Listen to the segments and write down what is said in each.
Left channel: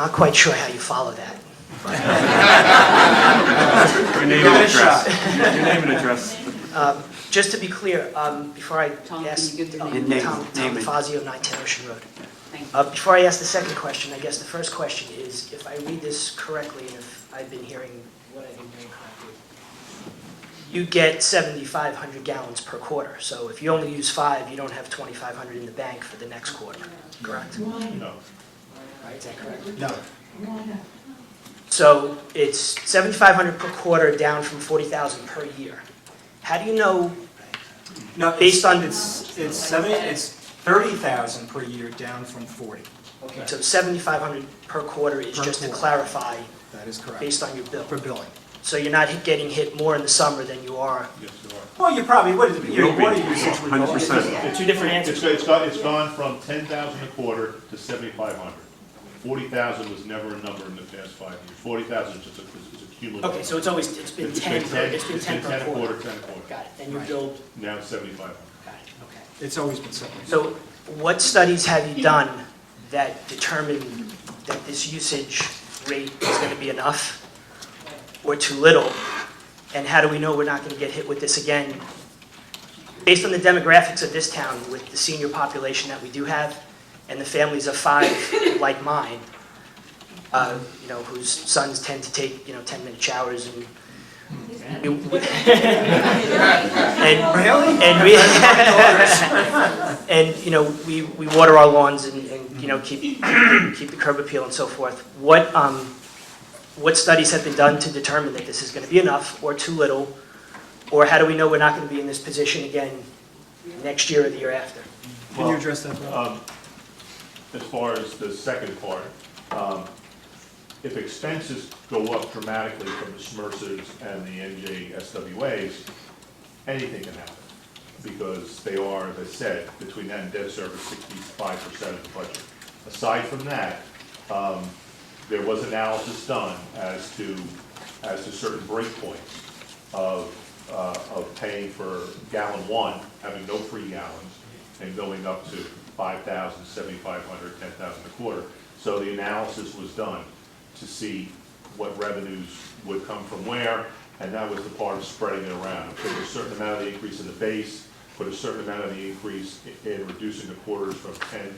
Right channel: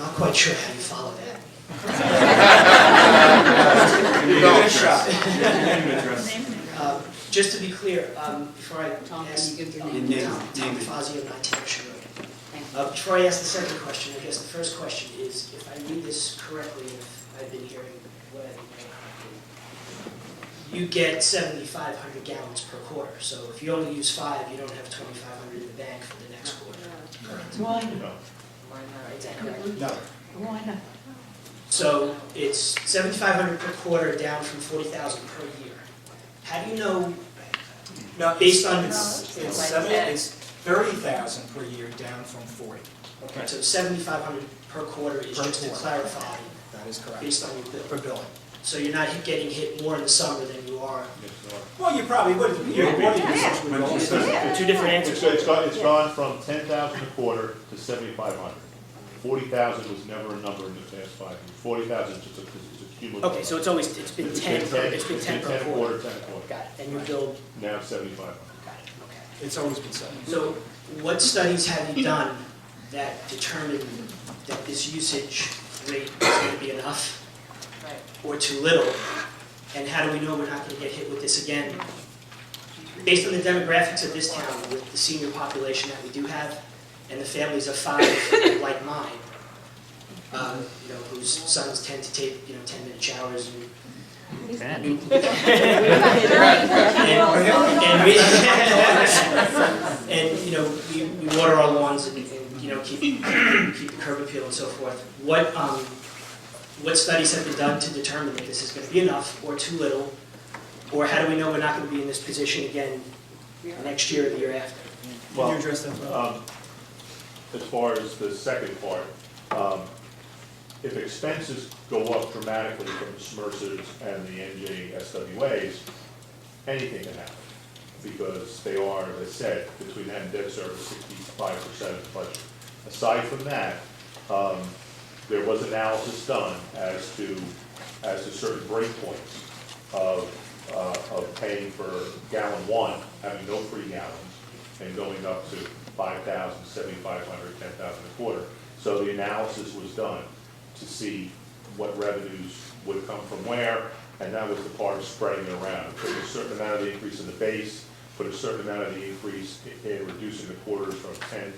not quite sure how you follow that. Your name and address. Your name and address. Just to be clear, before I Tom, can ask, you give your Tom name? Fazio, 910 Ocean Road. Thank you. Before I ask the second question, I guess the first question is, if I read this correctly, and if I've been hearing what I've been hearing correctly, you get 7,500 gallons per quarter. So if you only use 5, you don't have 2,500 in the bank for the next quarter, correct? No. Right, is that correct? No. So it's 7,500 per quarter, down from 40,000 per year. How do you know, No, based on, it's 30,000 per year, down from 40. okay, so 7,500 per quarter is Per just to quarter. clarify, That is correct. based on your bill? For billing. So you're not getting hit more in the summer than you are? Well, you probably would. Your water usage would go up. 100%. Two different answers. It's gone from 10,000 a quarter to 7,500. 40,000 was never a number in the past 5 years. 40,000 is just a cumulative. Okay, so it's been 10 per quarter. 10 a quarter. Got it, and you billed, Now 7,500. got it, okay. It's always been 70. So what studies have you done that determine that this usage rate is going to be enough or too little? And how do we know we're not going to get hit with this again? Based on the demographics of this town, with the senior population that we do have, and the families of 5 like mine, whose sons tend to take 10-minute showers and we water our lawns and keep the curb appeal and so forth. What studies have been done to determine that this is going to be enough or too little, or how do we know we're not going to be in this position again next year or the year after? Can you address that, Bob? As far as the second part, if expenses go up dramatically from the SMRSs and the NJSWAs, anything can happen. Because they are, as I said, between that and debt service, 65% of the budget. Aside from that, there was analysis done as to certain breakpoints of paying for gallon 1, having no free gallons, and going up to 5,000, 7,500, 10,000 a quarter. So the analysis was done to see what revenues would come from where, and that was the part of spreading it around. Put a certain amount of the increase in the base, put a certain amount of the increase in reducing the quarters from 10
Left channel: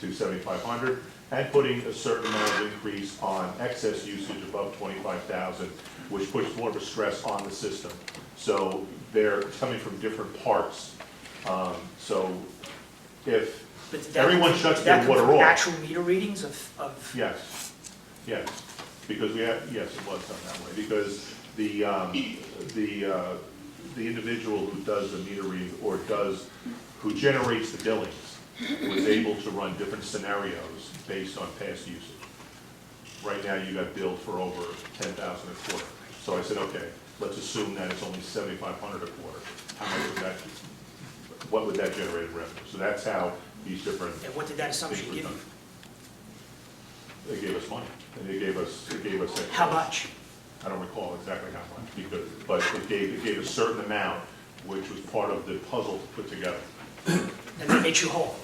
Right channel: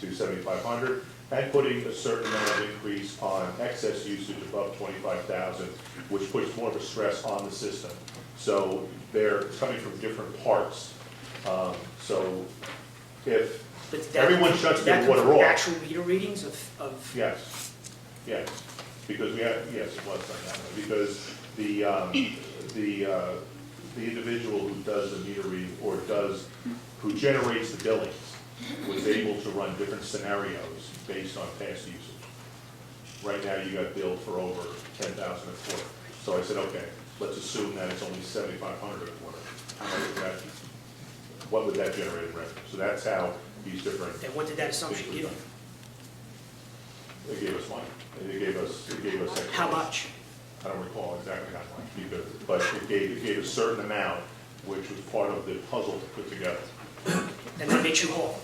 to 7,500, and putting a certain amount of increase on excess usage above 25,000, which puts more of a stress on the system. So they're coming from different parts. So if everyone shuts their water off. Actual meter readings of? Yes, because it was done that way, because the individual who does the meter reading who generates the billings was able to run different scenarios based on past usage. Right now you got billed for over 10,000 a quarter. So I said, okay, let's assume that it's only 7,500 a quarter. How much would that, what would that generate in revenue? So that's how these different. And what did that assumption give you? They gave us money. They gave us. How much? I don't recall exactly how much, but it gave a certain amount, which was part of the puzzle to put together. And that makes you whole?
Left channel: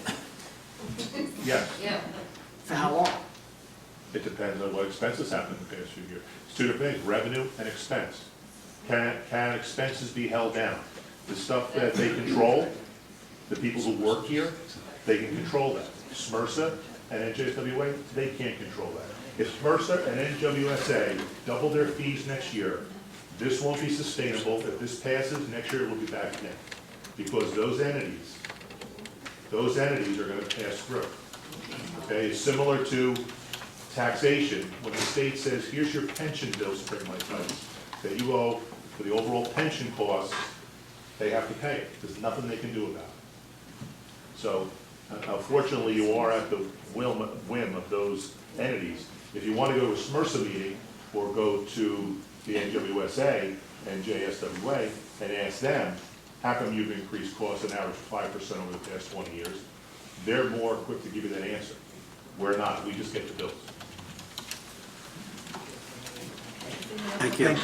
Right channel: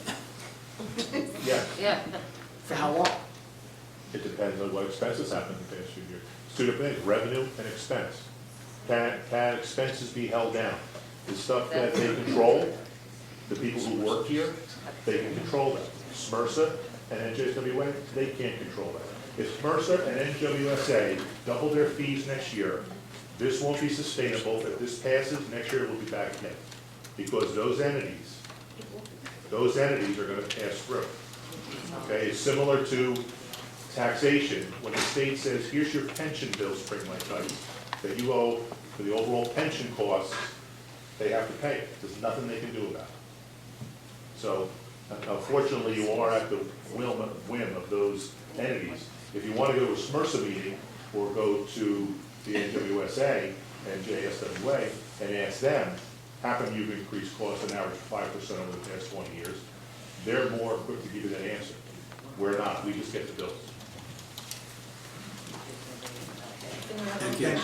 Yeah. Yeah. For how long? It depends on what expenses happened in the past few years. It's two different things, revenue and expense. Can expenses be held down? The stuff that they control, the people who work here, they can control that. SMRSA and NJSWA, they can't control that. If SMRSA and NWSA double their fees next year, this won't be sustainable. If this passes, next year it will be back in. Because those entities are going to pass through. Okay, it's similar to taxation. When the state says, here's your pension bill, spring like ice, that you owe for the overall pension costs, they have to pay it. There's nothing they can do about it. So, unfortunately, you are at the whim of those entities. If you want to go to a SMRSA meeting or go to the NWSA and JSWA and ask them, how come you've increased costs an average of 5% over the past 20 years? They're more quick to give you that answer. We're not. We just get the bills. Thank you.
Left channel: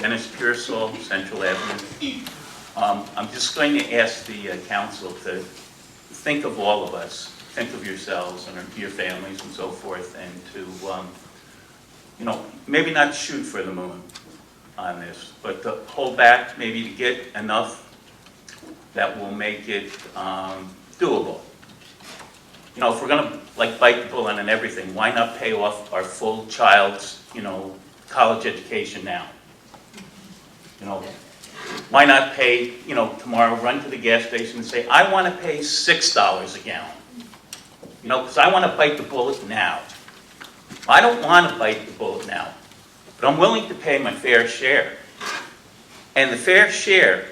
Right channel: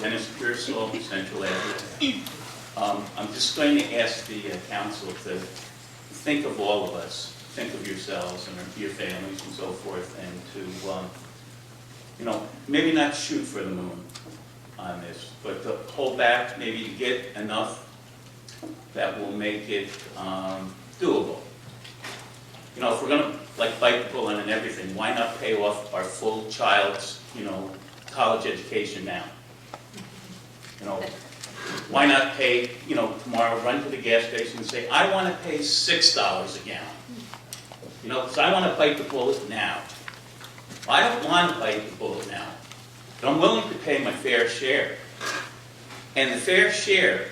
Dennis Pearsall, Central Avenue. I'm just going to ask the council to think of all of us, think of yourselves and your families and so forth, and to, maybe not shoot for the moon on this, but to hold back, maybe to get enough that will make it doable. If we're gonna bite the bullet on everything, why not pay off our full child's, college education now? Why not pay, tomorrow, run to the gas station and say, I want to pay $6 a gallon. Because I want to bite the bullet now. I don't want to bite the bullet now, but I'm willing to pay my fair share. And the fair share,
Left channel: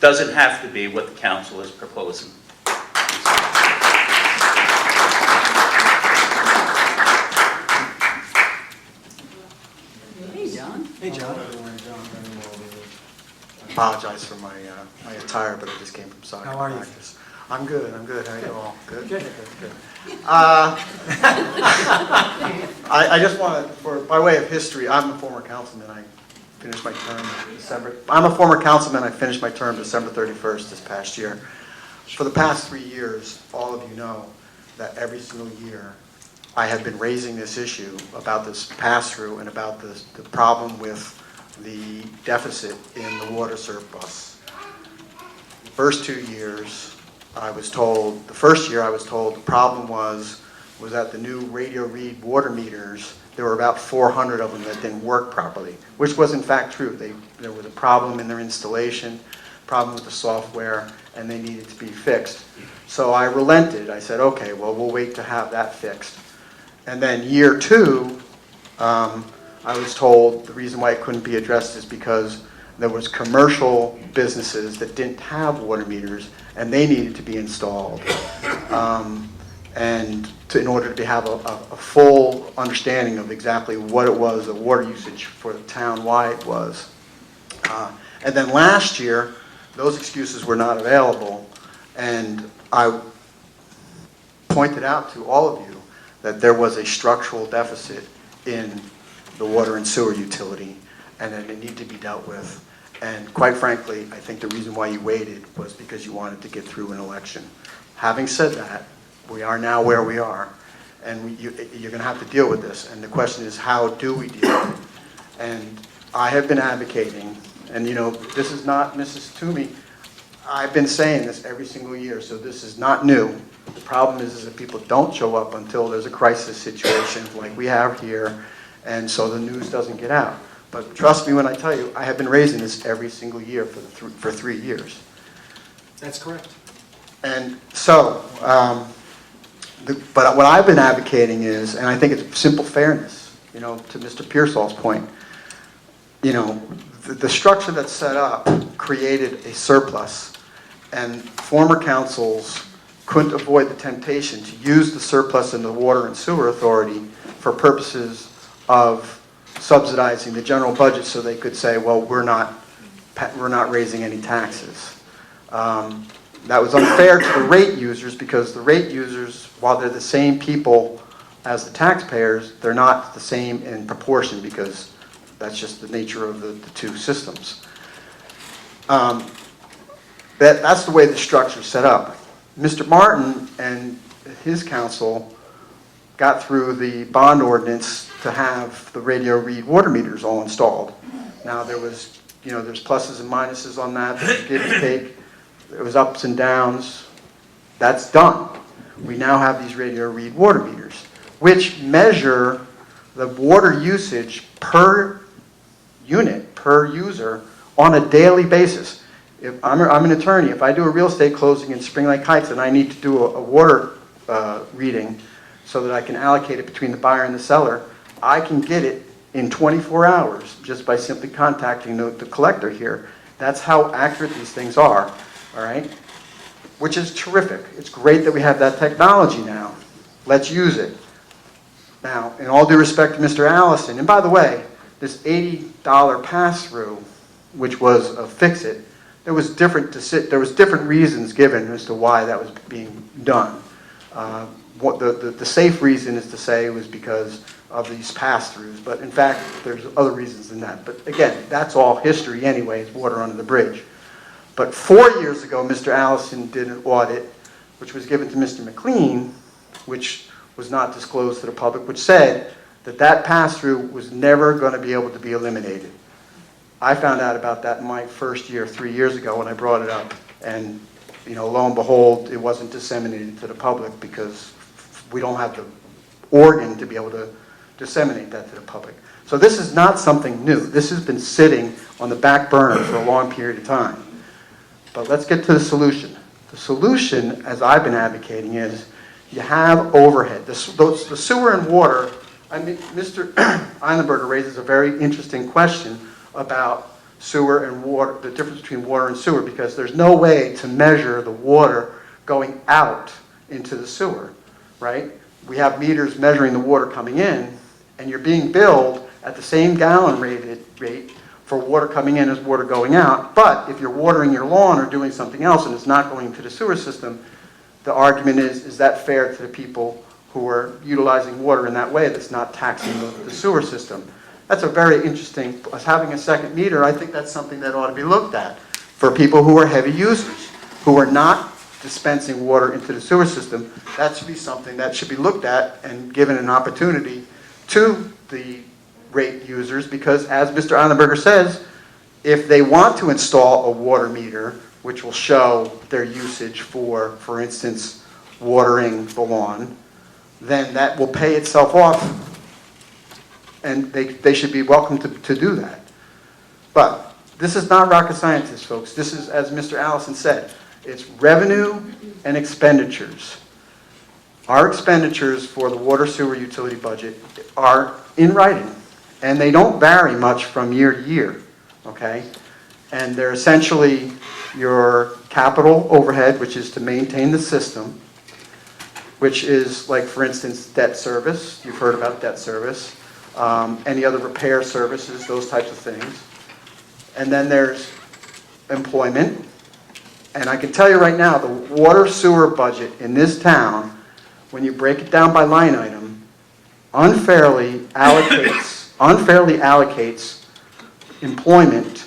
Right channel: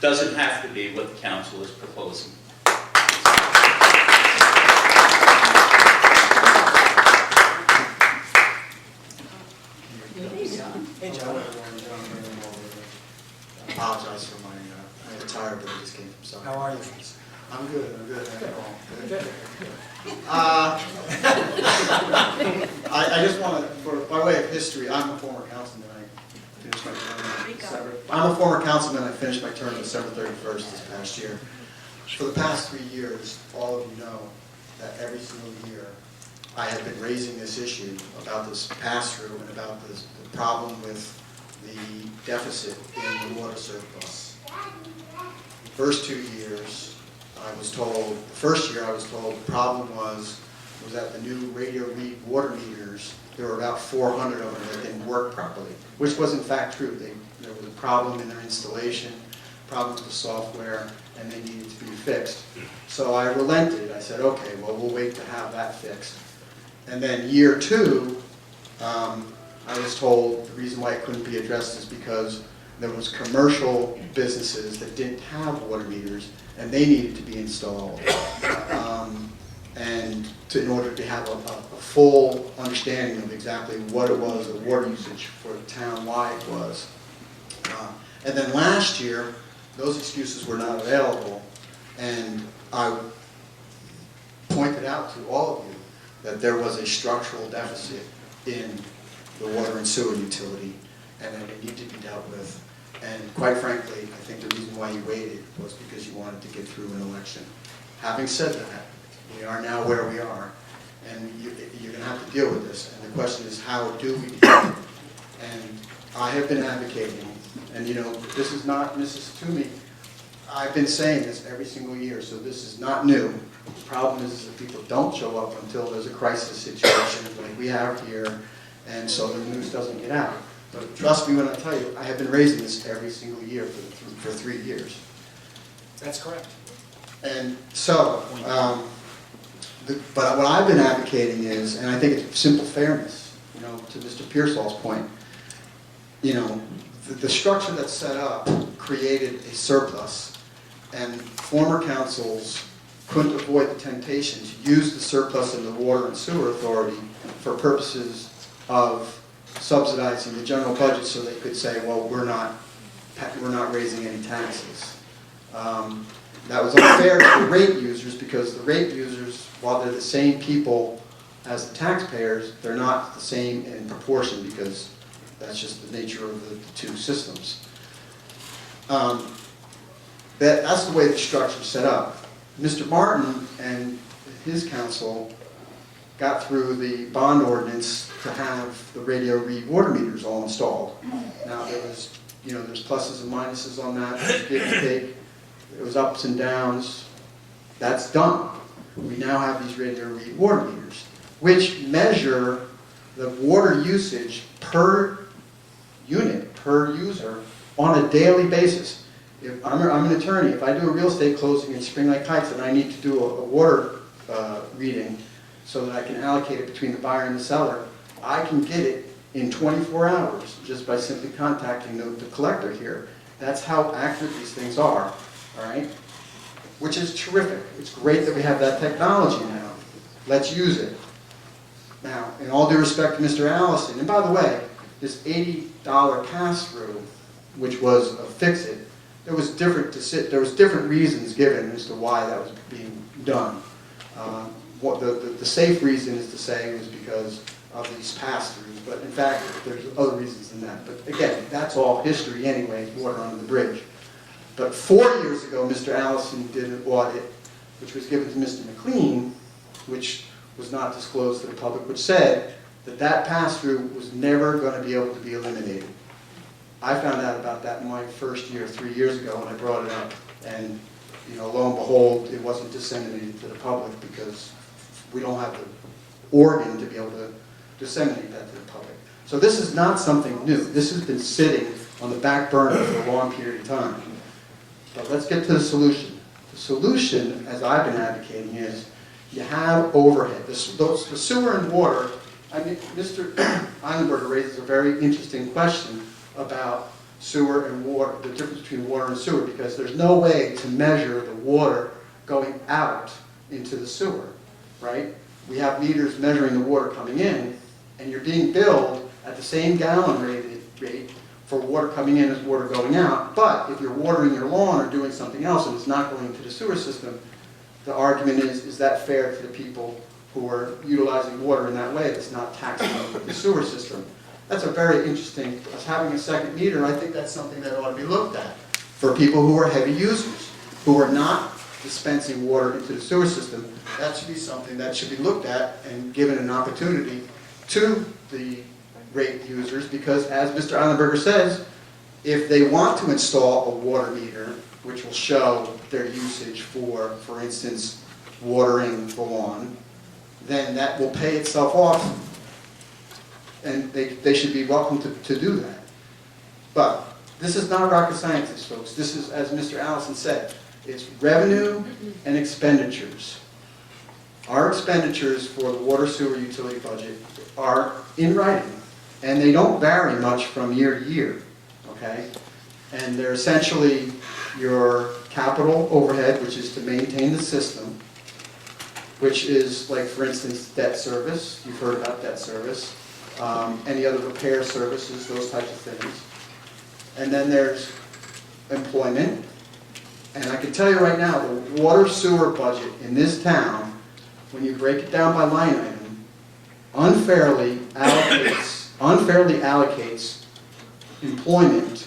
doesn't have to be what the council is proposing. Hey, John. Apologize for my attire, but I just came from soccer How are you? practice. I'm good. How are you all? Good. Good. I just want to, by way of history, I'm a former councilman. I finished my term I'm a former councilman. I finished my term December 31st this past year. For the past 3 years, all of you know that every single year I have been raising this issue about this pass-through and about the problem with the deficit in the water surplus. The first 2 years, the first year I was told the problem was that the new radio read water meters, there were about 400 of them that didn't work properly, which was in fact true. There was a problem in their installation, problem with the software, and they needed to be fixed. So I relented. I said, okay, well, we'll wait to have that fixed. And then year 2, I was told the reason why it couldn't be addressed is because there was commercial businesses that didn't have water meters and they needed to be installed. In order to have a full understanding of exactly what it was, the water usage for the town-wide was. And then last year, those excuses were not available, and I pointed out to all of you that there was a structural deficit in the water and sewer utility, and that it needed to be dealt with. And quite frankly, I think the reason why you waited was because you wanted to get through an election. Having said that, we are now where we are, and you're going to have to deal with this. And the question is, how do we deal with it? And I have been advocating, and this is not Mrs. Toomey. I've been saying this every single year, so this is not new. The problem is that people don't show up until there's a crisis situation like we have here, and so the news doesn't get out. But trust me when I tell you, I have been raising this every single year for 3 years. That's correct. And so, but what I've been advocating is, and I think it's simple fairness, to Mr. Pearsall's point, the structure that's set up created a surplus, and former councils couldn't avoid the temptation to use the surplus in the Water and Sewer Authority for purposes of subsidizing the general budget, so they could say, well, we're not raising any taxes. That was unfair to the rate users, because the rate users, while they're the same people as the taxpayers, they're not the same in proportion, because that's just the nature of the two systems. That's the way the structure is set up. Mr. Martin and his council got through the bond ordinance to have the radio read water meters all installed. Now there's pluses and minuses on that, there's give and take, there was ups and downs. That's done. We now have these radio read water meters, which measure the water usage per unit, per user, on a daily basis. If I'm an attorney, if I do a real estate closing in Spring Lake Heights and I need to do a water reading so that I can allocate it between the buyer and the seller, I can get it in 24 hours just by simply contacting the collector here. That's how accurate these things are, all right? Which is terrific. It's great that we have that technology now. Let's use it. Now, in all due respect to Mr. Allison, and by the way, this $80 pass-through, which was a fix-it, there was different reasons given as to why that was being done. The safe reason is to say it was because of these pass-throughs, but in fact, there's other reasons than that. But again, that's all history anyways, water under the bridge. But 4 years ago, Mr. Allison did an audit, which was given to Mr. McLean, which was not disclosed to the public, which said that that pass-through was never going to be able to be eliminated. I found out about that in my first year, 3 years ago, when I brought it up. And, you know, lo and behold, it wasn't disseminated to the public because we don't have the organ to be able to disseminate that to the public. So this is not something new. This has been sitting on the back burner for a long period of time. But let's get to the solution. The solution, as I've been advocating, is you have overhead. The sewer and water, I mean, Mr. Eilenberger raises a very interesting question about sewer and water, the difference between water and sewer, because there's no way to measure the water going out into the sewer, right? We have meters measuring the water coming in, and you're being billed at the same gallon rate for water coming in as water going out. But if you're watering your lawn or doing something else and it's not going into the sewer system, the argument is that fair to the people who are utilizing water in that way that's not taxing the sewer system? That's a very interesting, as having a second meter, I think that's something that ought to be looked at for people who are heavy users, who are not dispensing water into the sewer system. That should be something that should be looked at and given an opportunity to the rate users, because as Mr. Eilenberger says, if they want to install a water meter, which will show their usage for instance, watering the lawn, then that will pay itself off, and they should be welcome to do that. But this is not rocket science, folks. This is, as Mr. Allison said, it's revenue and expenditures. Our expenditures for the water sewer utility budget are in writing, and they don't vary much from year to year, okay? And they're essentially your capital overhead, which is to maintain the system, which is like, for instance, debt service. You've heard about debt service. Any other repair services, those types of things. And then there's employment. And I can tell you right now, the water sewer budget in this town, when you break it down by line item, unfairly allocates employment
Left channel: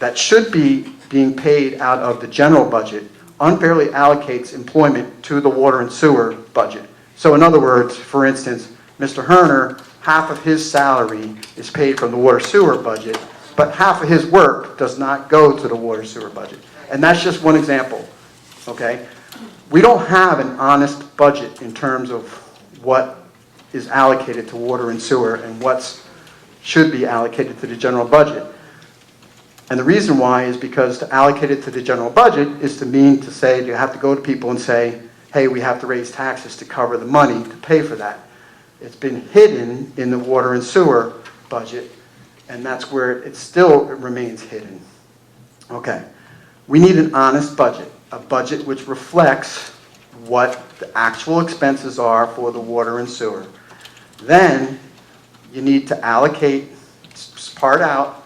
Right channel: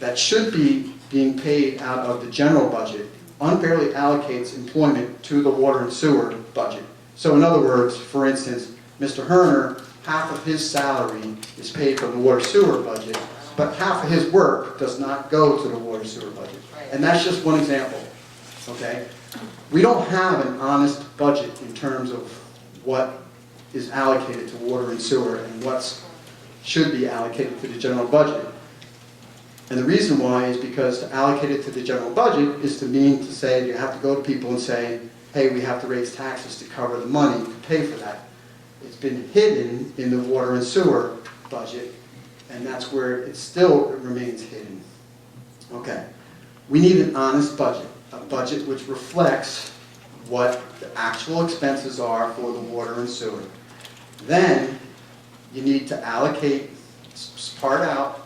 that should be being paid out of the general budget, unfairly allocates employment to the water and sewer budget. So in other words, for instance, Mr. Herner, half of his salary is paid from the water sewer budget, but half of his work does not go to the water sewer budget. And that's just one example, okay? We don't have an honest budget in terms of what is allocated to water and sewer and what should be allocated to the general budget. And the reason why is because to allocate it to the general budget is to mean to say you have to go to people and say, hey, we have to raise taxes to cover the money to pay for that. It's been hidden in the water and sewer budget, and that's where it still remains hidden. Okay, we need an honest budget, a budget which reflects what the actual expenses are for the water and sewer. Then you need to allocate, part out,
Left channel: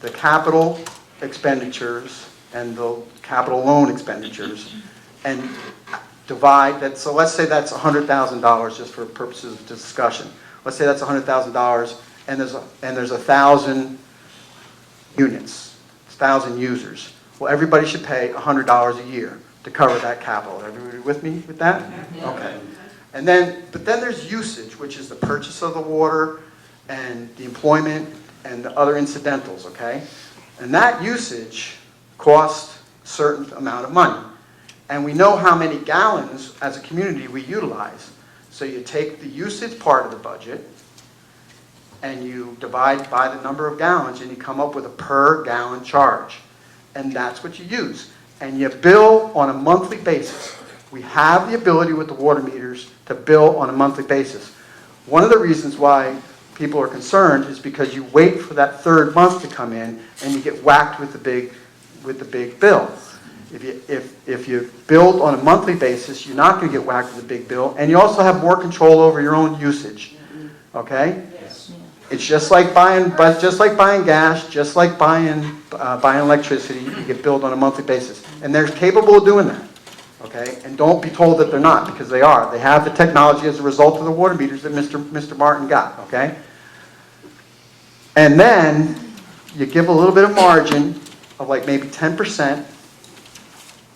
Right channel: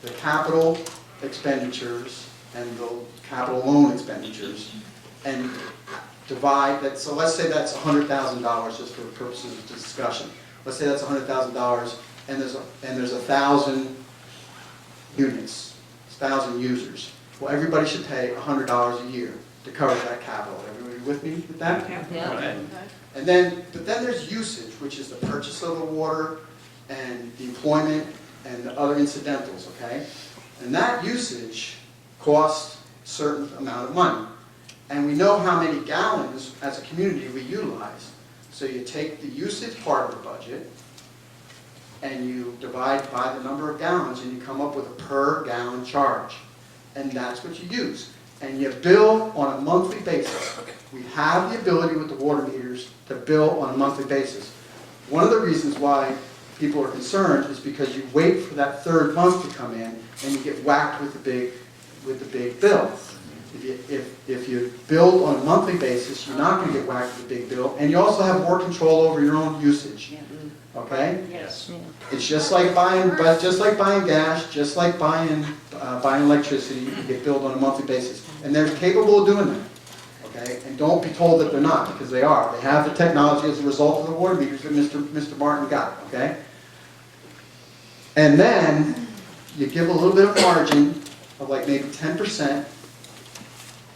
the capital expenditures and the capital loan expenditures, and divide that. So let's say that's $100,000, just for purposes of discussion. Let's say that's $100,000, and there's 1,000 units, 1,000 users. Well, everybody should pay $100 a year to cover that capital. Everybody with me with that? Yeah. Okay. And then, but then there's usage, which is the purchase of the water and the employment and the other incidentals, okay? And that usage costs a certain amount of money. And we know how many gallons as a community we utilize. So you take the usage part of the budget and you divide by the number of gallons and you come up with a per gallon charge. And that's what you use. And you bill on a monthly basis. We have the ability with the water meters to bill on a monthly basis. One of the reasons why people are concerned is because you wait for that third month to come in and you get whacked with the big bill. If you build on a monthly basis, you're not going to get whacked with a big bill, and you also have more control over your own usage. Okay? Yes. It's just like buying gas, just like buying electricity. You get billed on a monthly basis, and they're capable of doing that. okay? And don't be told that they're not, because they are. They have the technology as a result of the water meters that Mr. Martin got, okay? And then you give a little bit of margin of like maybe 10%,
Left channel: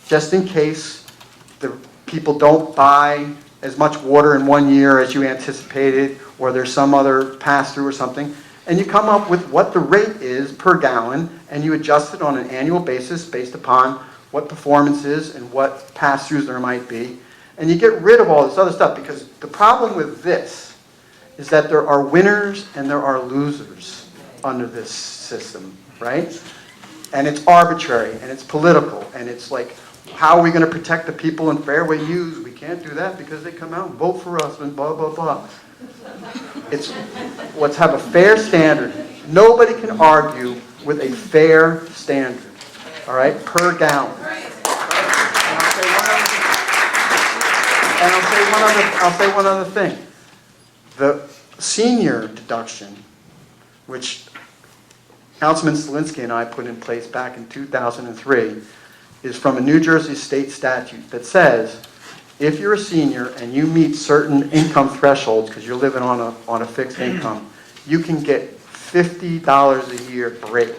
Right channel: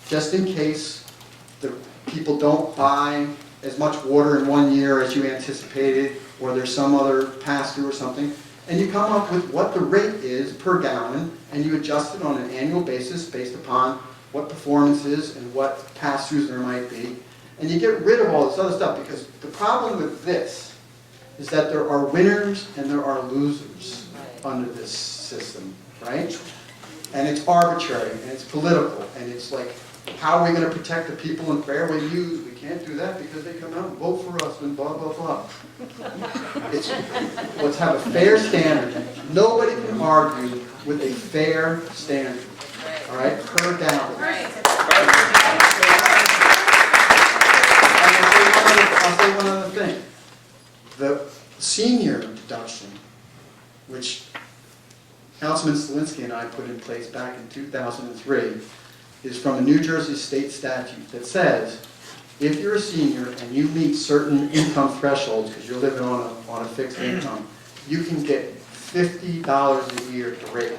just in case the people don't buy as much water in 1 year as you anticipated, or there's some other pass-through or something, and you come up with what the rate is per gallon, and you adjust it on an annual basis based upon what performance is and what pass-throughs there might be, and you get rid of all this other stuff, because the problem with this is that there are winners and there are losers under this system, right? And it's arbitrary, and it's political, and it's like, how are we going to protect the people in Fairway Use? We can't do that because they come out and vote for us and blah, blah, blah. Let's have a fair standard. Nobody can argue with a fair standard, all right, per gallon. And I'll say one other thing. The senior deduction, which Councilman Selinsky and I put in place back in 2003, is from a New Jersey state statute that says if you're a senior and you meet certain income thresholds because you're living on a fixed income, you can get $50 a year break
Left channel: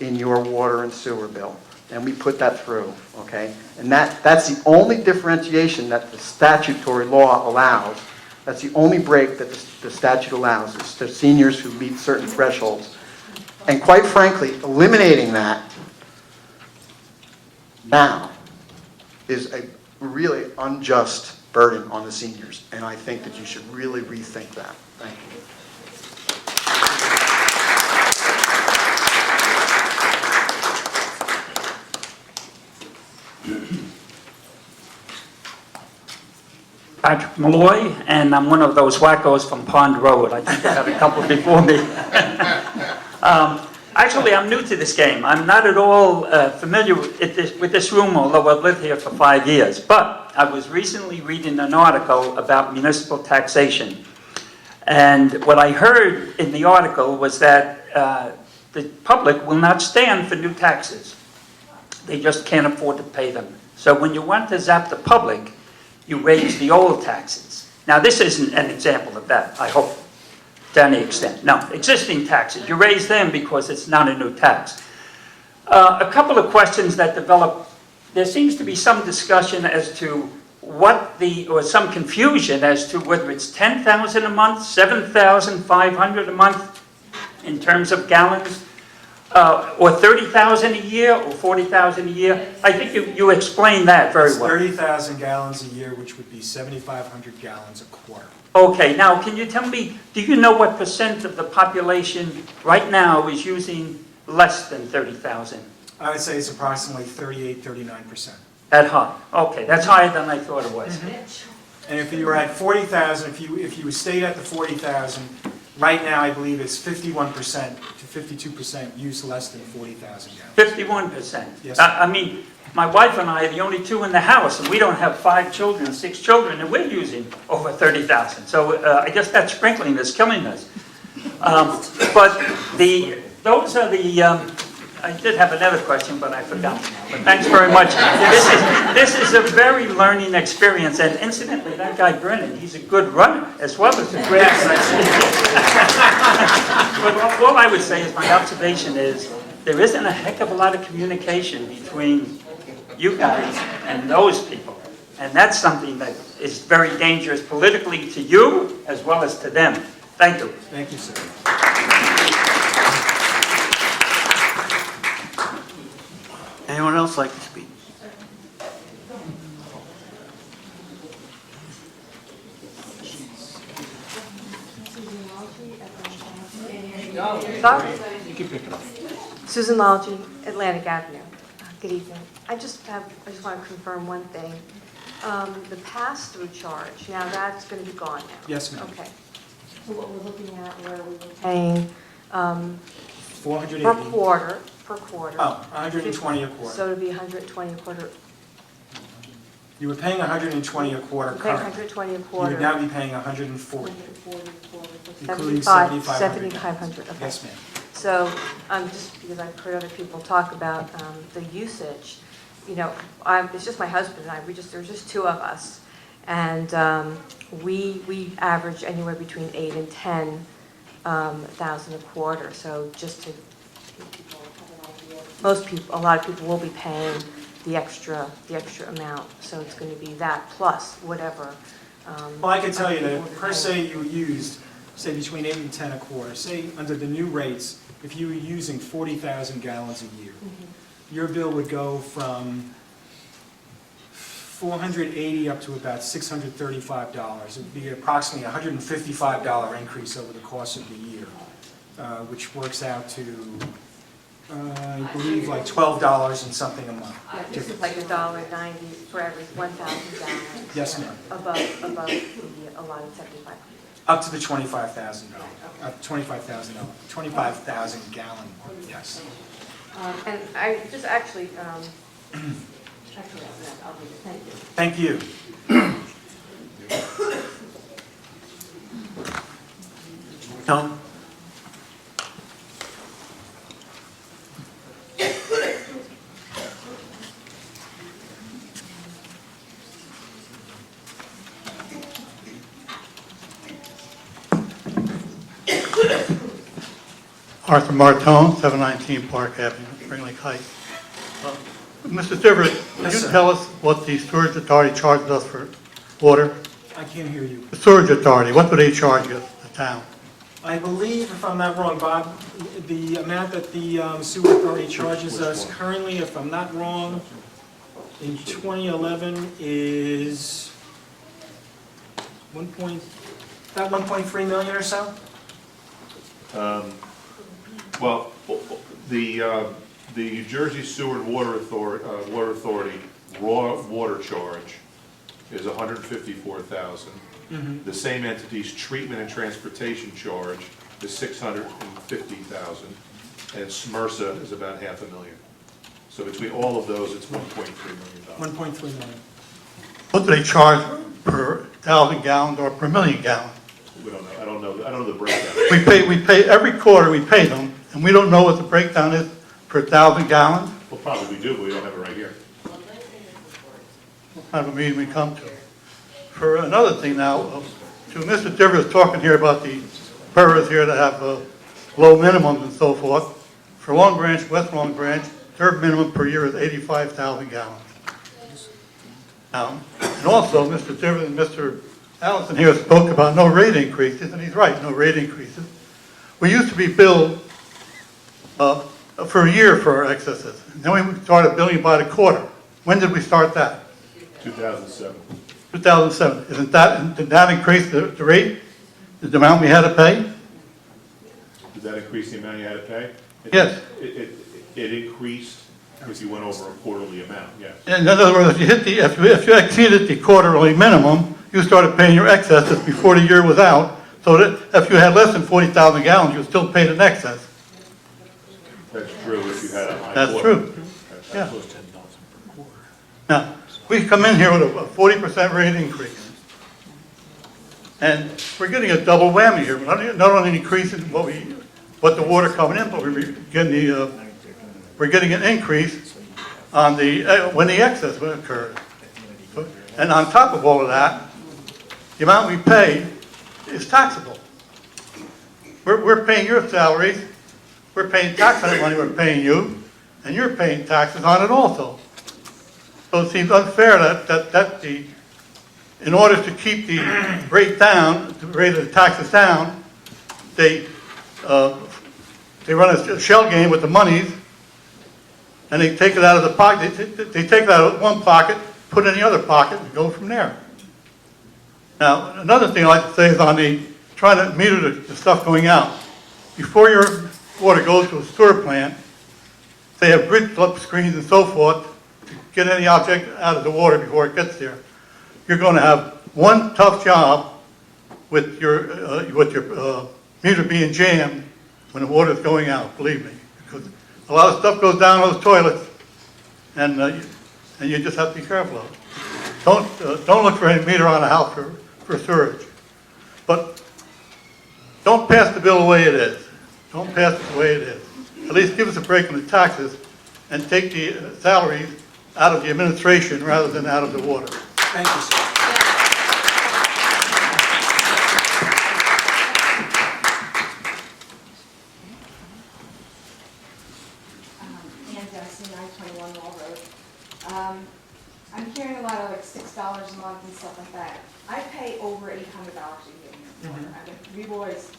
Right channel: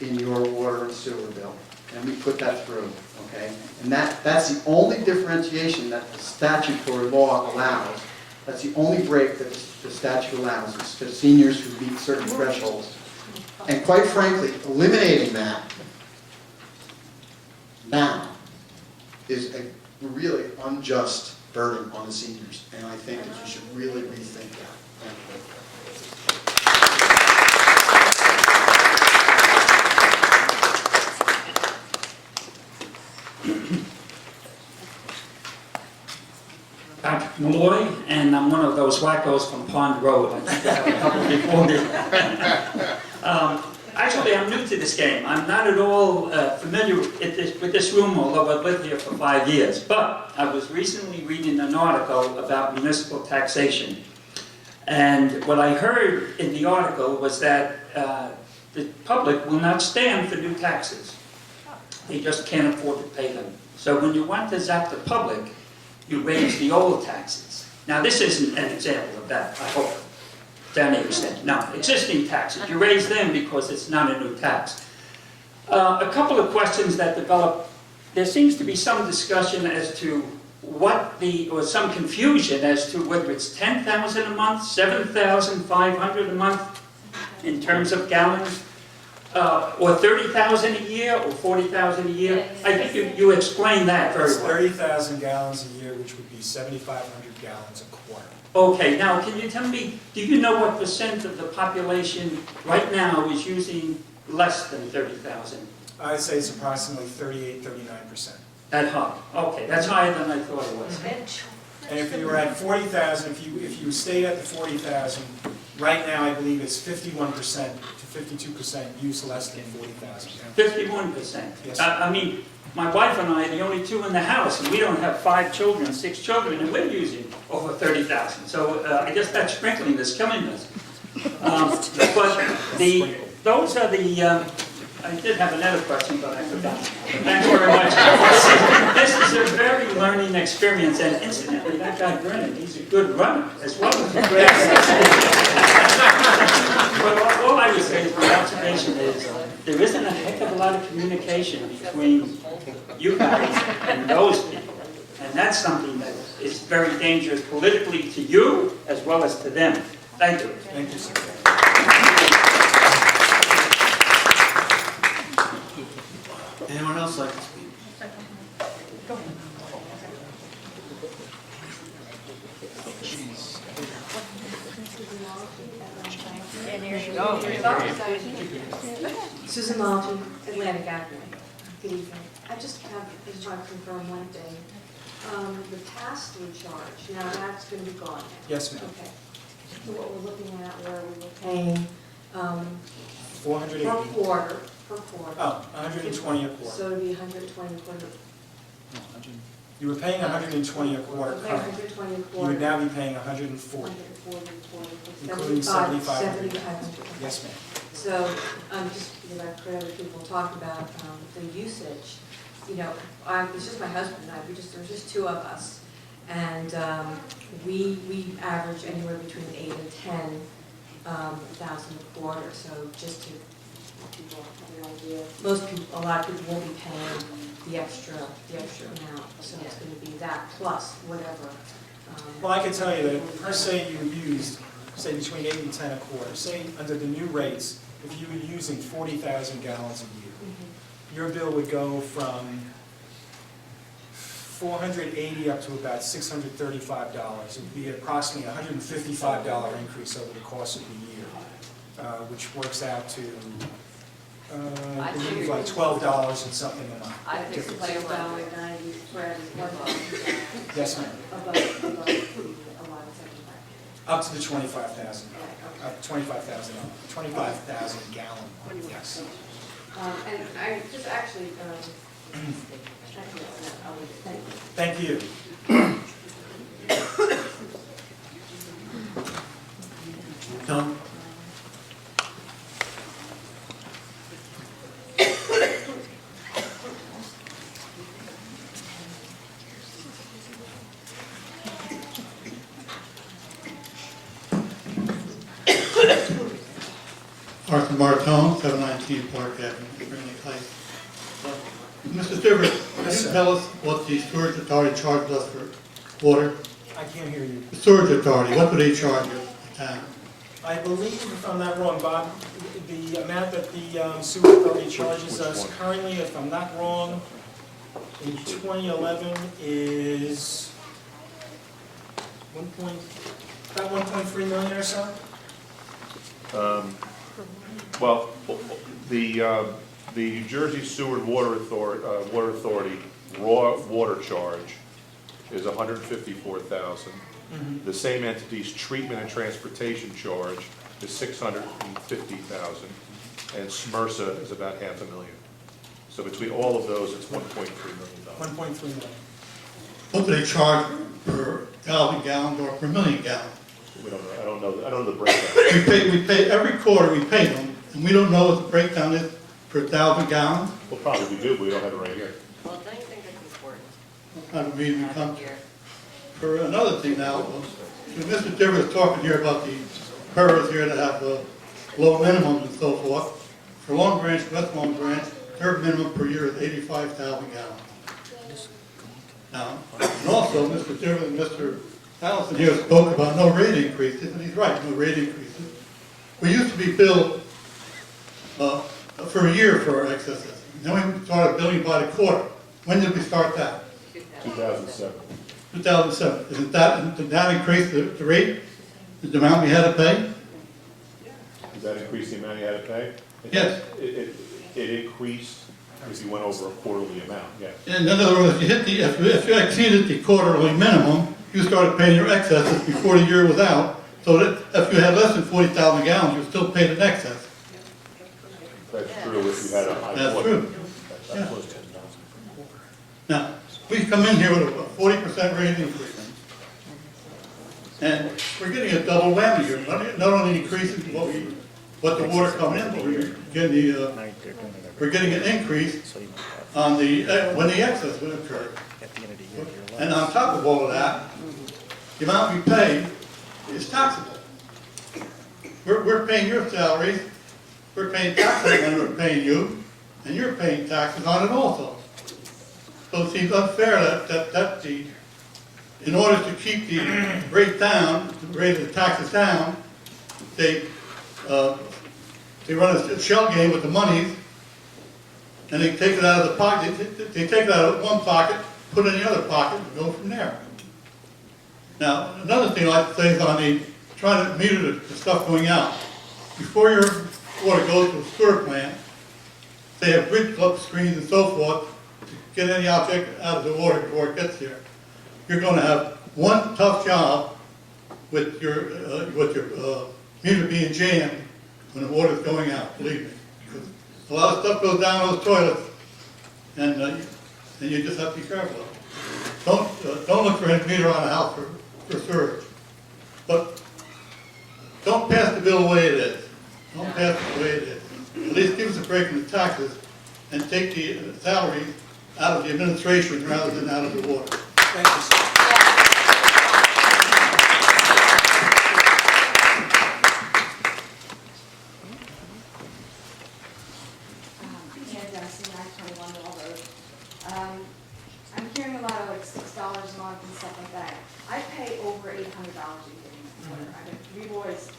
in your water and sewer bill. And we put that through, okay? And that's the only differentiation that the statutory law allows. That's the only break that the statute allows, is the seniors who meet certain thresholds. And quite frankly, eliminating that now is a really unjust burden on the seniors, and I think that you should really rethink that. Thank you. Patrick Malloy, and I'm one of those wackos from Pond Road. I think I have a couple before me. Actually, I'm new to this game. I'm not at all familiar with this room, although I've lived here for 5 years. But I was recently reading an article about municipal taxation. And what I heard in the article was that the public will not stand for new taxes. They just can't afford to pay them. So when you want to zap the public, you raise the old taxes. Now, this isn't an example of that, I hope, to any extent. No, existing taxes, you raise them because it's not a new tax. A couple of questions that develop. There seems to be some discussion as to or some confusion as to whether it's 10,000 a month, 7,500 a month in terms of gallons, or 30,000 a year, or 40,000 a year. I think you explained that very It's well. 30,000 gallons a year, which would be 7,500 gallons a quarter. Okay, now can you tell me, do you know what percent of the population right now is using less than 30,000? I would say it's approximately 38, 39%. At high? Okay, that's higher than I thought it was. And if you were at 40,000, if you stayed at the 40,000, right now I believe it's 51% to 52% use less than 40,000 gallons. 51%? Yes. I mean, my wife and I are the only two in the house, and we don't have 5 children, 6 children, and we're using over 30,000. So I guess that sprinkling is killing us. But those are the... I did have another question, but I forgot. But thanks very much. This is a very learning experience. And incidentally, that guy Brennan, he's a good runner as well as a great But all I would say is my observation is there isn't a heck of a lot of communication between you guys and those people. And that's something that is very dangerous politically to you as well as to them. Thank you. Thank you, sir. Anyone else like to speak? Susan Malgi, Atlantic Avenue. Good evening. I just want to confirm one thing. The pass-through charge, now that's going to be gone now? Yes, ma'am. Okay. So what we're looking at, where we were paying 480. per quarter. Oh, 120 a quarter. So it'd be 120 a quarter. You were paying 120 a quarter We're paying currently. 120 a You quarter. would now be paying 140. 140 a quarter. Including 7,500. Okay. Yes, ma'am. So, just because I've heard other people talk about the usage, it's just my husband and I, there's just two of us. And we average anywhere between 8 and 10 thousand a quarter, so just to give people an idea. A lot of people will be paying the extra amount, so it's going to be that plus whatever. Well, I can tell you that per se you used, say between 8 and 10 a quarter, say under the new rates, if you were using 40,000 gallons a year, your bill would go from $480 up to about $635. It would be approximately a $155 increase over the course of the year, which works out to, I believe, like $12 and something a month. This is like $1.90 for every 1,000 gallons. Yes, ma'am. Above the allotted 7,500. Up to the $25,000, up to $25,000, 25,000 gallon mark, yes. And I just actually, I'll leave it. Thank you. Thank you. Tom? Arthur Martone, 719 Park Avenue, Spring Lake Heights. Mr. Stivers, can Yes, you sir. tell us what the sewerage authority charges us for water? I can't hear you. The sewerage authority, what do they charge us, the town? I believe, if I'm not wrong, Bob, the amount that the sewer authority charges us currently, if I'm not wrong, in 2011 is about 1.3 million or so? Well, the New Jersey Sewer and Water Authority raw water charge is $154,000. The same entity's treatment and transportation charge is $650,000, and SMRSA is about $500,000. So between all of those, it's $1.3 million. 1.3 million. What do they charge per 1,000 gallons or per million gallons? We don't know. I don't know the breakdown. We pay, every quarter we pay them, and we don't know what the breakdown is per 1,000 gallons? Well, probably we do, but we don't have it right here. What kind of a meeting we come to? For another thing now, to Mr. Divers was talking here about the boroughs here that have low minimums and so forth. For Long Branch, West Long Branch, their minimum per year is 85,000 gallons. Now, and also, Mr. Divers and Mr. Allison here spoke about no rate increases, and he's right, no rate increases. We used to be billed for a year for our excesses. And then we started billing by the quarter. When did we start that? 2007. 2007. Did that increase the rate, the amount we had to pay? Did that increase the amount you had to pay? Yes. It increased if you went over a quarterly amount, yes. In other words, if you exceeded the quarterly minimum, you started paying your excesses before the year was out, so that if you had less than 40,000 gallons, you still paid an excess. That's true if you had a high That's quarter. true. Yeah. Now, we come in here with a 40% rate increase. And we're getting a double whammy here. Not only increasing what the water coming in, but we're getting an increase on when the excess occurred. And on top of all of that, the amount we pay is taxable. We're paying your salaries, we're paying tax on the money we're paying you, and you're paying taxes on it also. So it seems unfair that in order to keep the rate down, the rate of the taxes down, they run a shell game with the monies, and they take it out of the pocket. They take it out of one pocket, put it in the other pocket, and go from there. Now, another thing I'd like to say is on trying to meter the stuff going out. Before your water goes to a sewer plant, they have grid flip screens and so forth to get any object out of the water before it gets there. You're going to have one tough job with your meter being jammed when the water's going out, believe me. Because a lot of stuff goes down those toilets, and you just have to be careful of it. Don't look for any meter on a house for sewage. But don't pass the bill the way it is. Don't pass it the way it is. At least give us a break on the taxes and take the salaries out of the administration rather than out of the water. Thank you, sir. Ann Darcy, 921 Wall Road. I'm hearing a lot of like $6 a month and stuff like that. I pay over $800 a year in water. I mean, we've always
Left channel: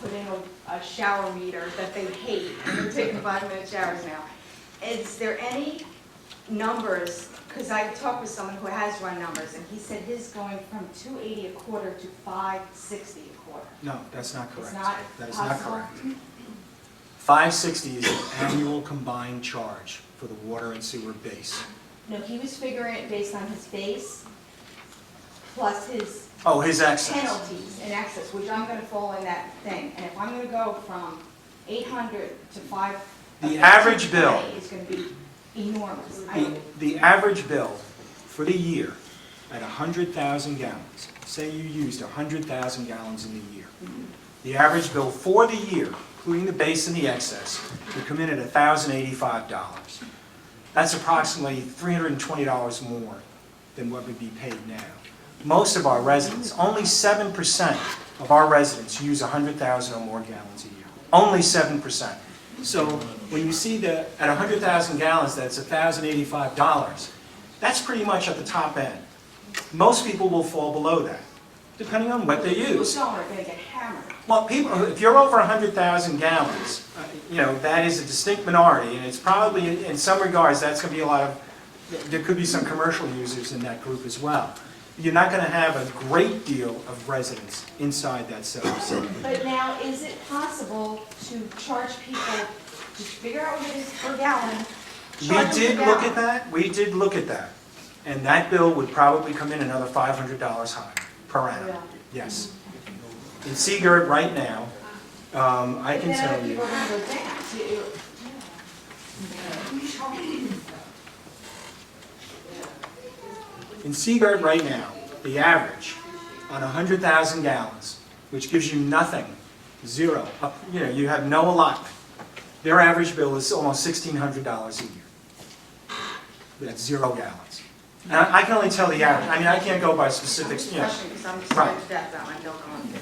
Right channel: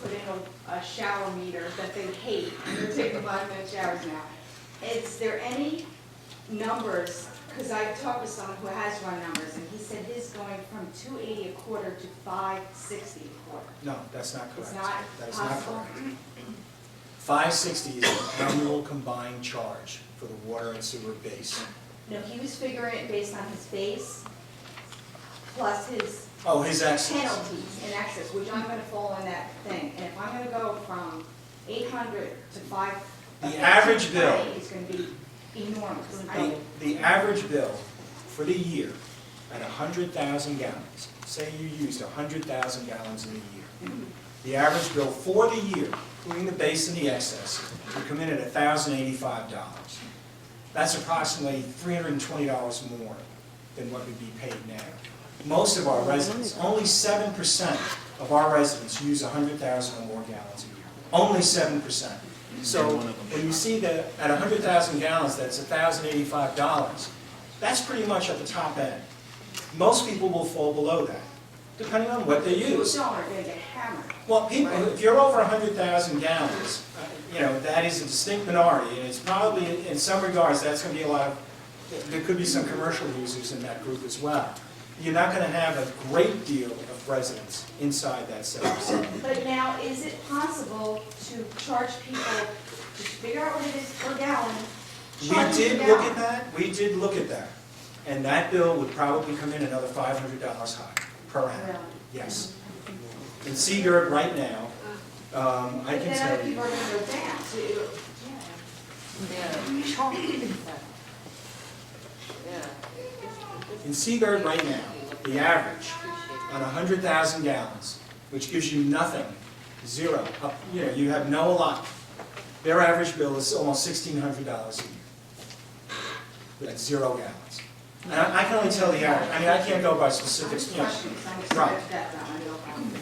put in a shower meter that they hate, and they're taking 5-minute showers now. Is there any numbers, because I talked with someone who has run numbers, and he said his going from $280 a quarter to $560 a quarter. No, that's not correct. It's not That is not possible? correct. 560 is an annual combined charge for the water and sewer base. No, he was figuring it based on his base plus his Oh, his excess. penalties in excess, which I'm gonna fall in that thing. And if I'm gonna go from 800 to 5. The average bill. Is gonna be enormous. The average bill for the year at 100,000 gallons, say you used 100,000 gallons in a year. The average bill for the year, including the base and the excess, would come in at $1,085. That's approximately $320 more than what would be paid now. Most of our residents, only 7% of our residents use 100,000 or more gallons a year. Only 7%. So when you see that at 100,000 gallons, that's $1,085, that's pretty much at the top end. Most people will fall below that, depending on what they People use. don't are gonna get hammered. Well, people, if you're over 100,000 gallons, that is a distinct minority, and it's probably, in some regards, that's going to be a lot of, there could be some commercial users in that group as well. You're not going to have a great deal of residents inside that 7%. But now, is it possible to charge people, to figure out what it is per gallon? We charge them did per look gallon? at that, we did look at that, and that bill would probably come in another $500 higher per annum, Yeah. yes. In Seagirt right now, I can But then tell other you. people are gonna go down to, In Seagirt right now, the average on 100,000 gallons, which gives you nothing, zero, you have no allotment, their average bill is almost $1,600 a year. That's 0 gallons. And I can only tell the average, I mean, I can't go by specifics, especially because I'm Right. scared to death about my milk on $1,500.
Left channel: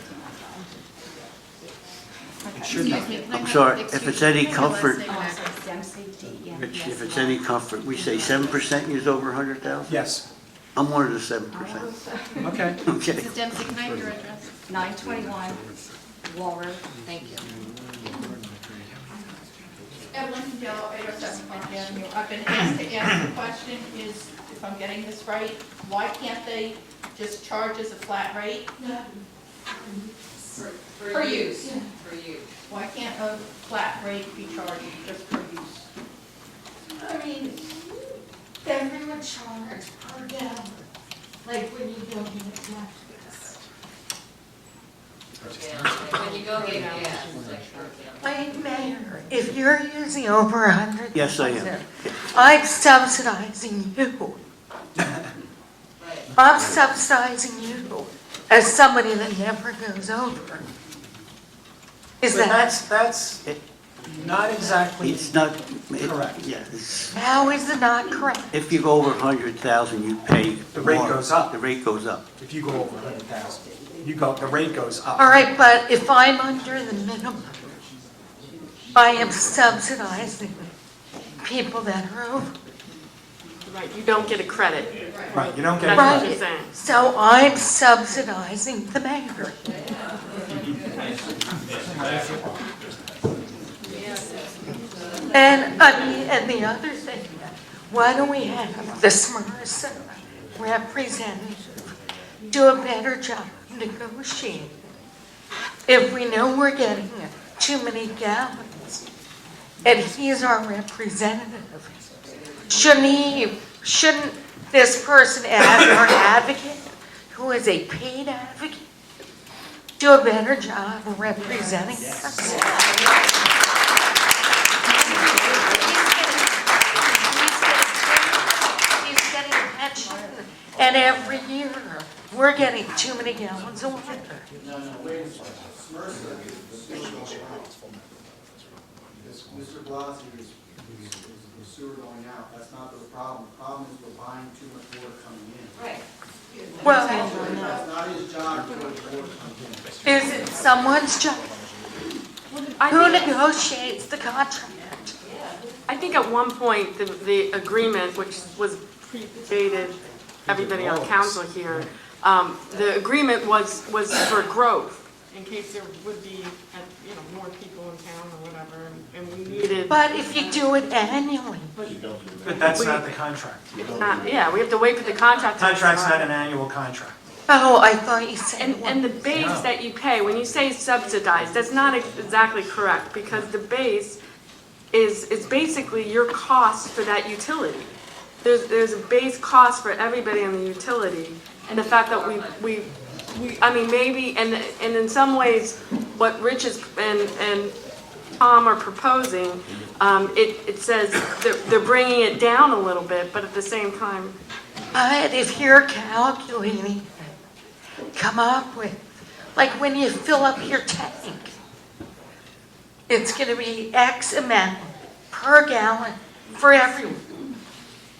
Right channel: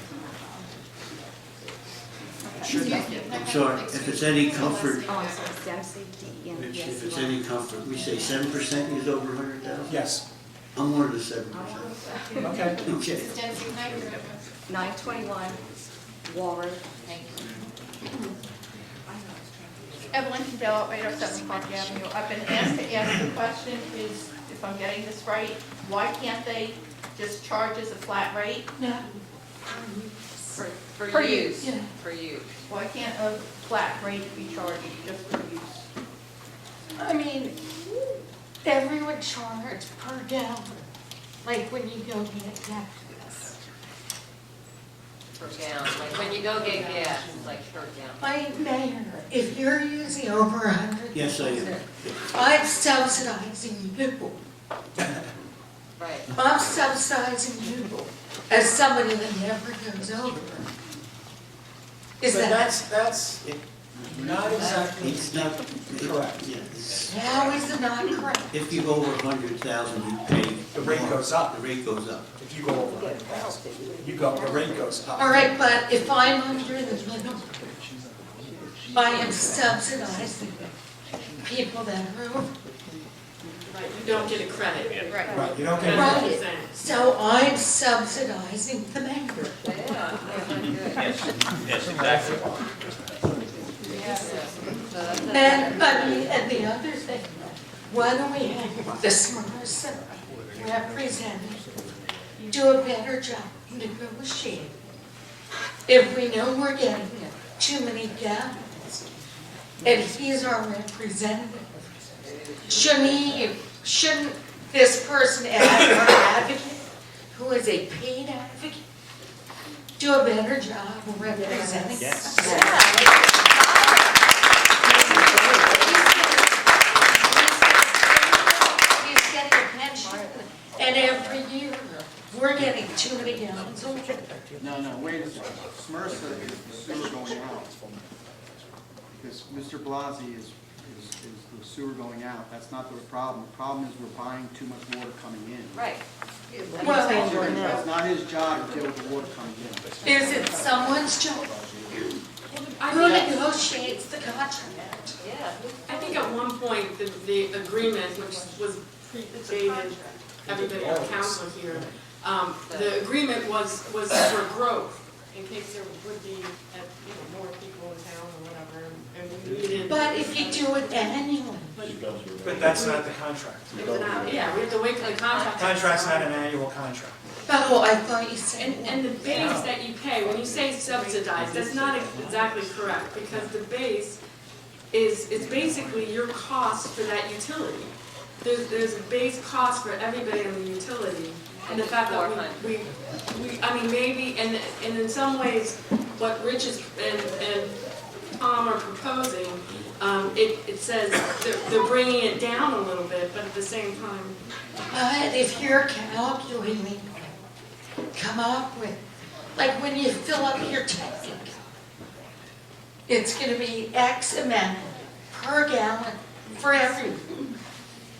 It should not. I'm sorry, if it's any comfort, Oh, I'm sorry, Dempsey, D-E-M-P-S-E-Y. Rich, if it's any comfort, we say 7% use over 100,000? Yes, I'm one of the 7%. okay. Okay. Mrs. Dempsey, can I have your address? 921 Wall Road. Thank you. Evelyn Cadell, 807 Park Avenue. I've been asked to ask the question, is, if I'm getting this right, why can't they just charge as a flat rate? No. Per use. Yeah. For use. Why can't a flat rate be charged just for use? I mean, everyone charge per gallon, like when you go get gas. Per gallon, like when you go get gas, it's like per gallon. Like, Mayor, if you're using over 100. Yes, I am. I'm subsidizing you. Right. I'm subsidizing you as somebody that never goes over. Is But that, that's not exactly It's not, correct. yeah, it's, how is it not correct? if you go over 100,000, you pay. The rate more. goes up. The rate goes up. If you go over 100,000, the rate goes up. All right, but if I'm under the minimum, I am subsidizing people that are over. Right, you don't get a credit. Right, you don't get. That's what Right. I'm saying. So I'm subsidizing the mayor. And the other thing, why don't we have the Smyrna representative do a better job negotiating? If we know we're getting too many gallons, and he's our representative, shouldn't this person as our advocate, who is a paid advocate, do a better job of representing us? He's getting a pension, and every year, we're getting too many gallons a week. Because Mr. Blasey is sewer going out. That's not the problem. The problem is we're buying too much water coming in. Right. Well, That's not his job to go to water comes in. is it someone's job? Who negotiates the contract? I think at one point, the agreement, which was predated everybody on council here, the agreement was for growth, in case there would be, more people in town or whatever, and we needed. But if you do it annually, But that's not the contract. It's not, yeah, we have to wait for the contract to Contract's not expire. an annual contract. oh, I thought you said. And the base that you pay, when you say subsidized, that's not exactly correct, because the base is basically your cost for that utility. There's a base cost for everybody on the utility, and the fact that we I mean, maybe, and in some ways, what Rich and Tom are proposing, it says they're bringing it down a little bit, but at the same time. But if you're calculating, come up with, like when you fill up your tank, it's going to be X amount per gallon for everyone.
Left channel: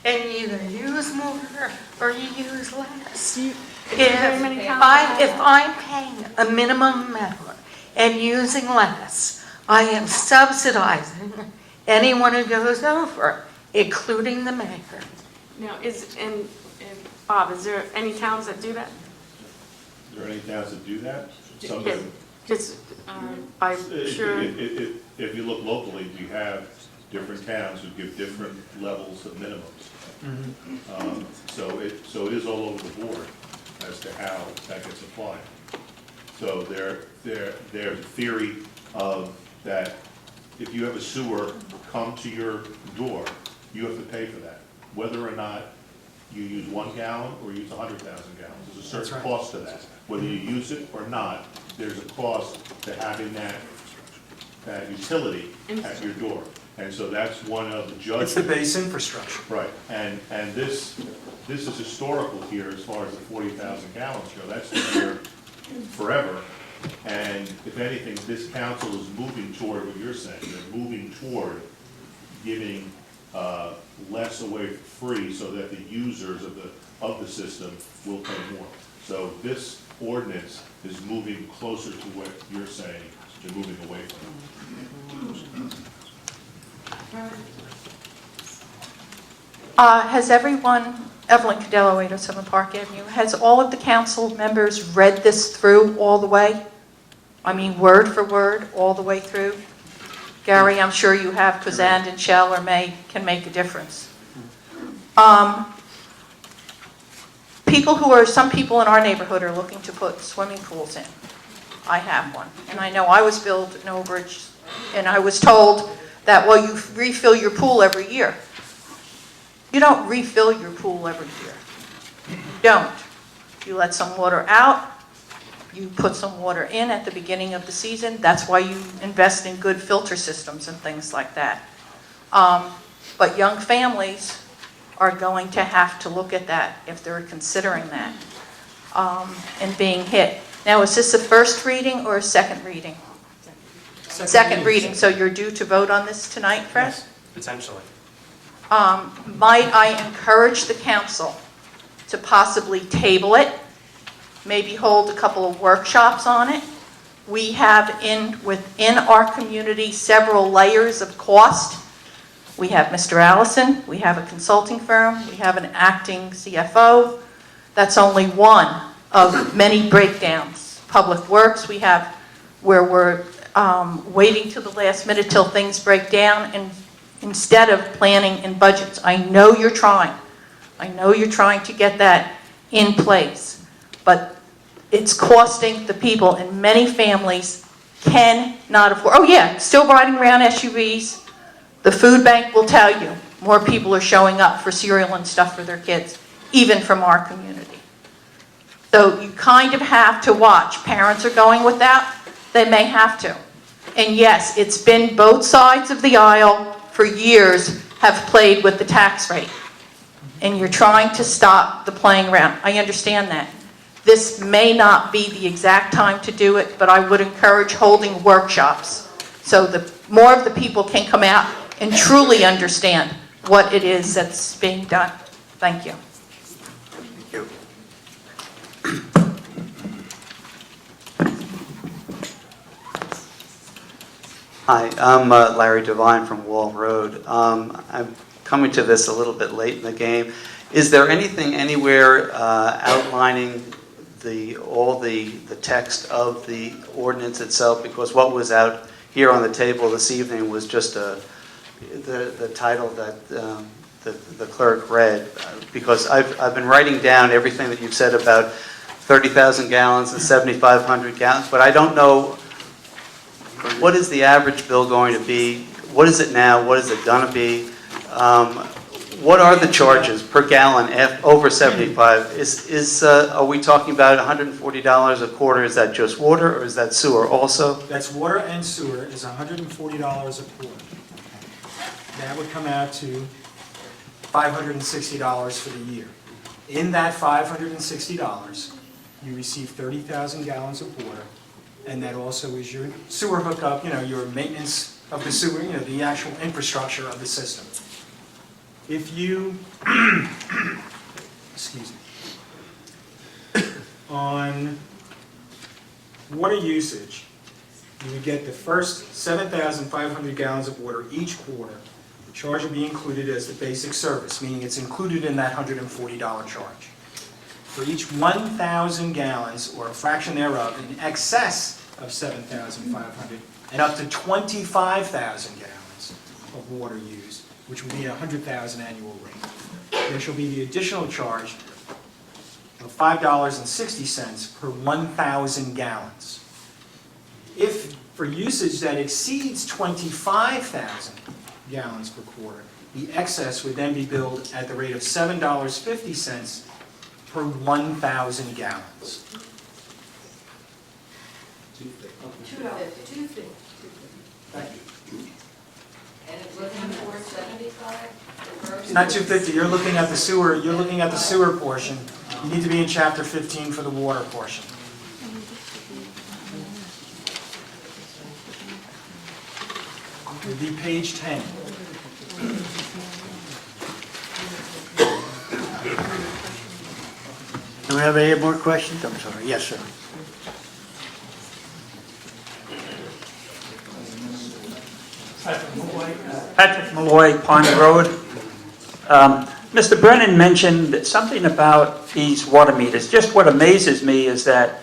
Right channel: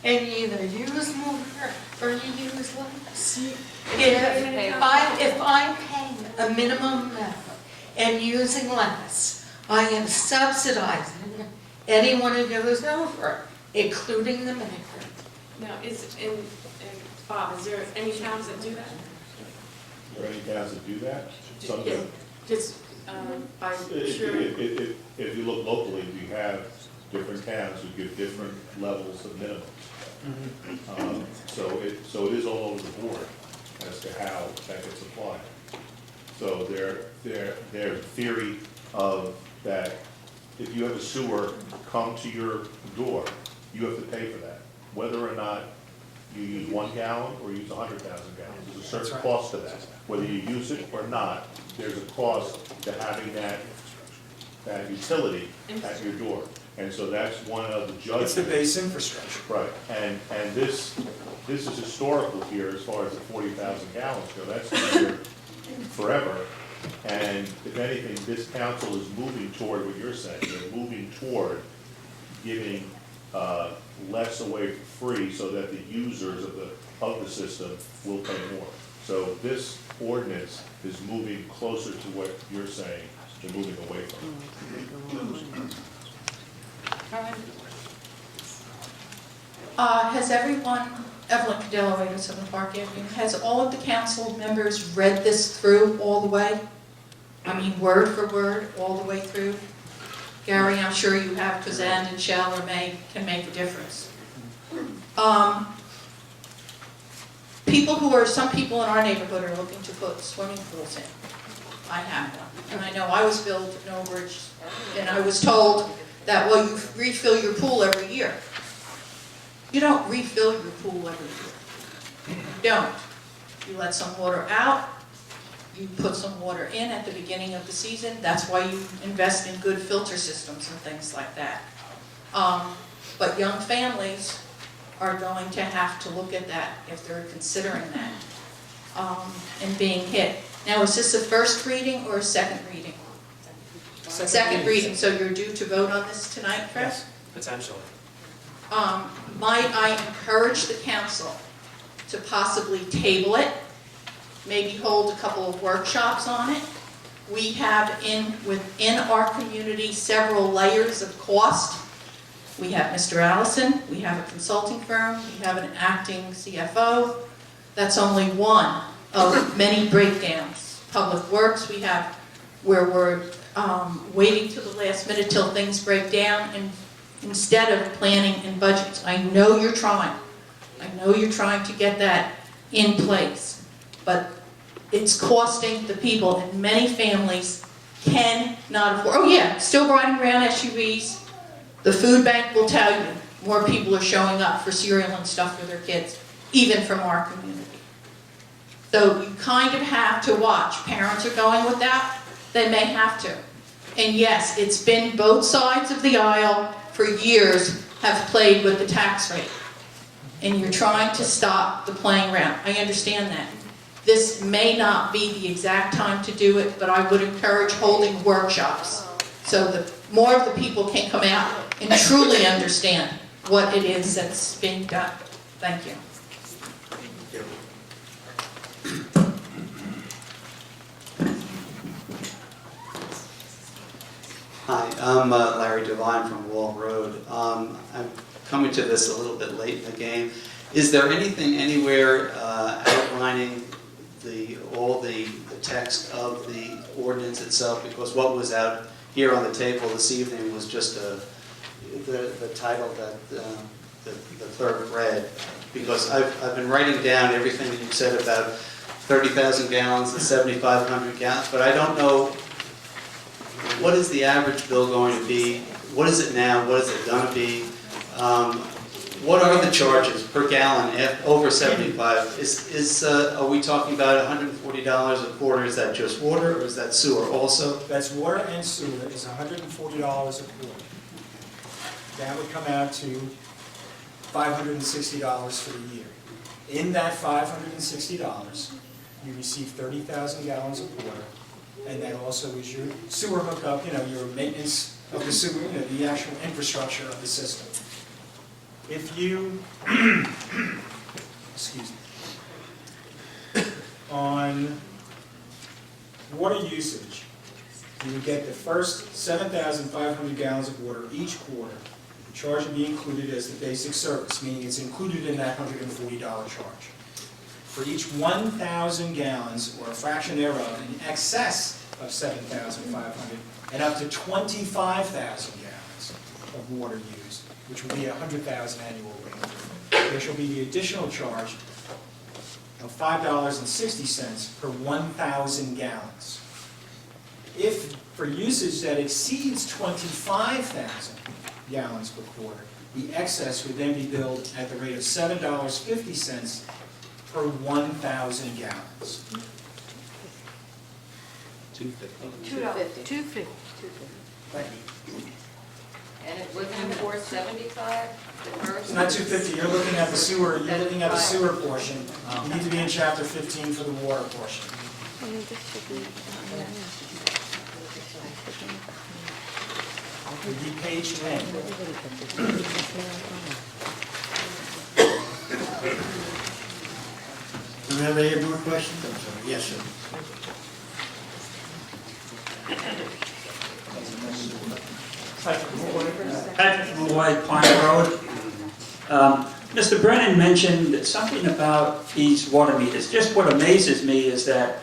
And you either use more or you use less. If I'm paying a minimum amount and using less, I am subsidizing anyone who goes over, including the maker. Now, Bob, is there any towns that do that? Is there any towns that do that? Some Yeah, do. just, I'm sure. If you look locally, you have different towns who give different levels of minimums. So it is all over the board as to how that gets applied. So their theory of that if you have a sewer come to your door, you have to pay for that, whether or not you use 1 gallon or use 100,000 gallons. There's a certain cost to that. Whether you use it or not, there's a cost to having that utility at your door. And so that's one of the judgments. It's the base infrastructure. Right, and this is historical here as far as the 40,000 gallons go. That's been here forever. And if anything, this council is moving toward what you're saying. They're moving toward giving less away for free so that the users of the system will pay more. So this ordinance is moving closer to what you're saying than moving away from it. Has everyone, Evelyn Cadello, 807 Park Avenue, has all of the council members read this through all the way? I mean, word for word, all the way through? Gary, I'm sure you have, because and and shall or may can make a difference. Some people in our neighborhood are looking to put swimming pools in. I have one, and I know I was billed an overage, and I was told that, well, you refill your pool every year. You don't refill your pool every year. You don't. You let some water out, you put some water in at the beginning of the season. That's why you invest in good filter systems and things like that. But young families are going to have to look at that if they're considering that and being hit. Now, is this a first reading or a second reading? Second reading, so you're due to vote on this tonight, Fred? Yes, potentially. Might I encourage the council to possibly table it, maybe hold a couple of workshops on it? We have within our community several layers of cost. We have Mr. Allison, we have a consulting firm, we have an acting CFO. That's only one of many breakdowns. Public Works, we have where we're waiting till the last minute till things break down, and instead of planning and budgets. I know you're trying. I know you're trying to get that in place, but it's costing the people, and many families cannot afford. Oh yeah, still riding around SUVs. The food bank will tell you more people are showing up for cereal and stuff for their kids, even from our community. So you kind of have to watch. Parents are going without. They may have to. And yes, it's been both sides of the aisle for years have played with the tax rate. And you're trying to stop the playing around. I understand that. This may not be the exact time to do it, but I would encourage holding workshops so that more of the people can come out and truly understand what it is that's being done. Thank you. Hi, I'm Larry Devine from Wall Road. I'm coming to this a little bit late in the game. Is there anything anywhere outlining all the text of the ordinance itself? Because what was out here on the table this evening was just the title that the clerk read. Because I've been writing down everything that you've said about 30,000 gallons and 7,500 gallons, but I don't know, what is the average bill going to be? What is it now? What is it going to be? What are the charges per gallon over 75? Are we talking about $140 a quarter? Is that just water, or is that sewer also? That's water and sewer is $140 a quarter. That would come out to $560 for the year. In that $560, you receive 30,000 gallons of water, and that also is your sewer hookup, your maintenance of the sewer, the actual infrastructure of the system. If you, excuse me, on water usage, you would get the first 7,500 gallons of water each quarter. The charge would be included as the basic service, meaning it's included in that $140 charge. For each 1,000 gallons, or a fraction thereof, in excess of 7,500, and up to 25,000 gallons of water used, which will be a 100,000 annual rate, there shall be the additional charge of $5.60 per 1,000 gallons. If for usage that exceeds 25,000 gallons per quarter, the excess would then be billed at the rate of $7.50 per 1,000 gallons. $2.50. Thank you. And it wasn't $4.75, the first? Not 250, you're looking at the sewer portion. You need to be in chapter 15 for the water portion. It would be page 10. Do we have any more questions? I'm sorry. Yes, sir. Patrick Malloy, Pine Road. Mr. Brennan mentioned something about these water meters. Just what amazes me is that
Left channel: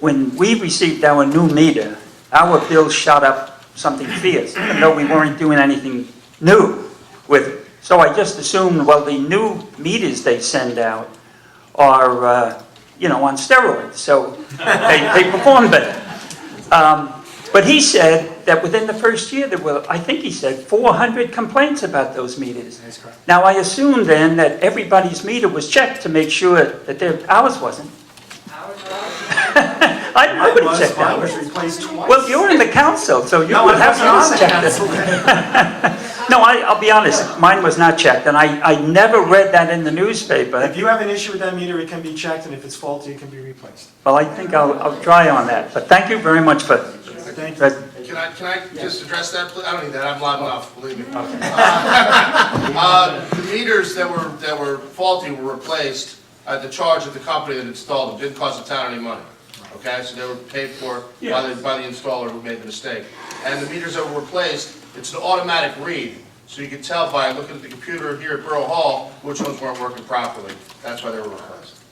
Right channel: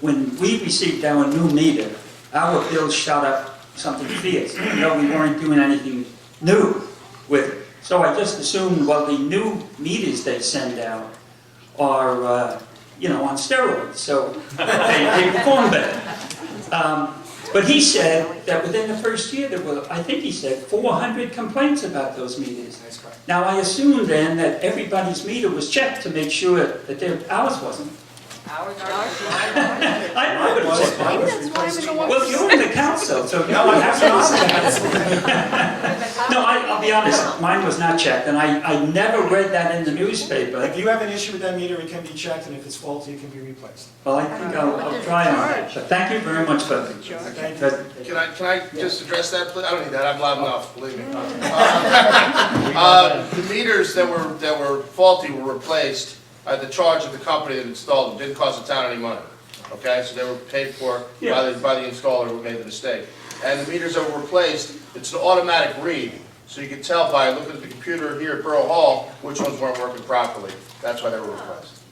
when we received our new meter, our bill shot up something fierce, even though we weren't doing anything new with it. So I just assumed, well, the new meters they send out are, on steroids, so they perform better. But he said that within the first year there were, I think he said, 400 complaints about those meters. That's correct. Now I assume then that everybody's meter was checked to make sure that ours wasn't. Ours are I would have checked Mine was that. replaced twice. Well, you're in the council, so you No, would I have wasn't to on the check it. council. No, I'll be honest, mine was not checked, and I never read that in the newspaper. If you have an issue with that meter, it can be checked, and if it's faulty, it can be replaced. Well, I think I'll try on that, but thank you very much for Thank you. that. Can I just address that, please? I don't need that, I'm loud enough, believe me. The meters that were faulty were replaced at the charge of the company that installed them, didn't cost the town any money. Okay, so they were paid for by the installer who made the mistake. And the meters that were replaced, it's an automatic read, so you can tell by looking at the computer here at Borough Hall which ones weren't working properly. That's why they were replaced.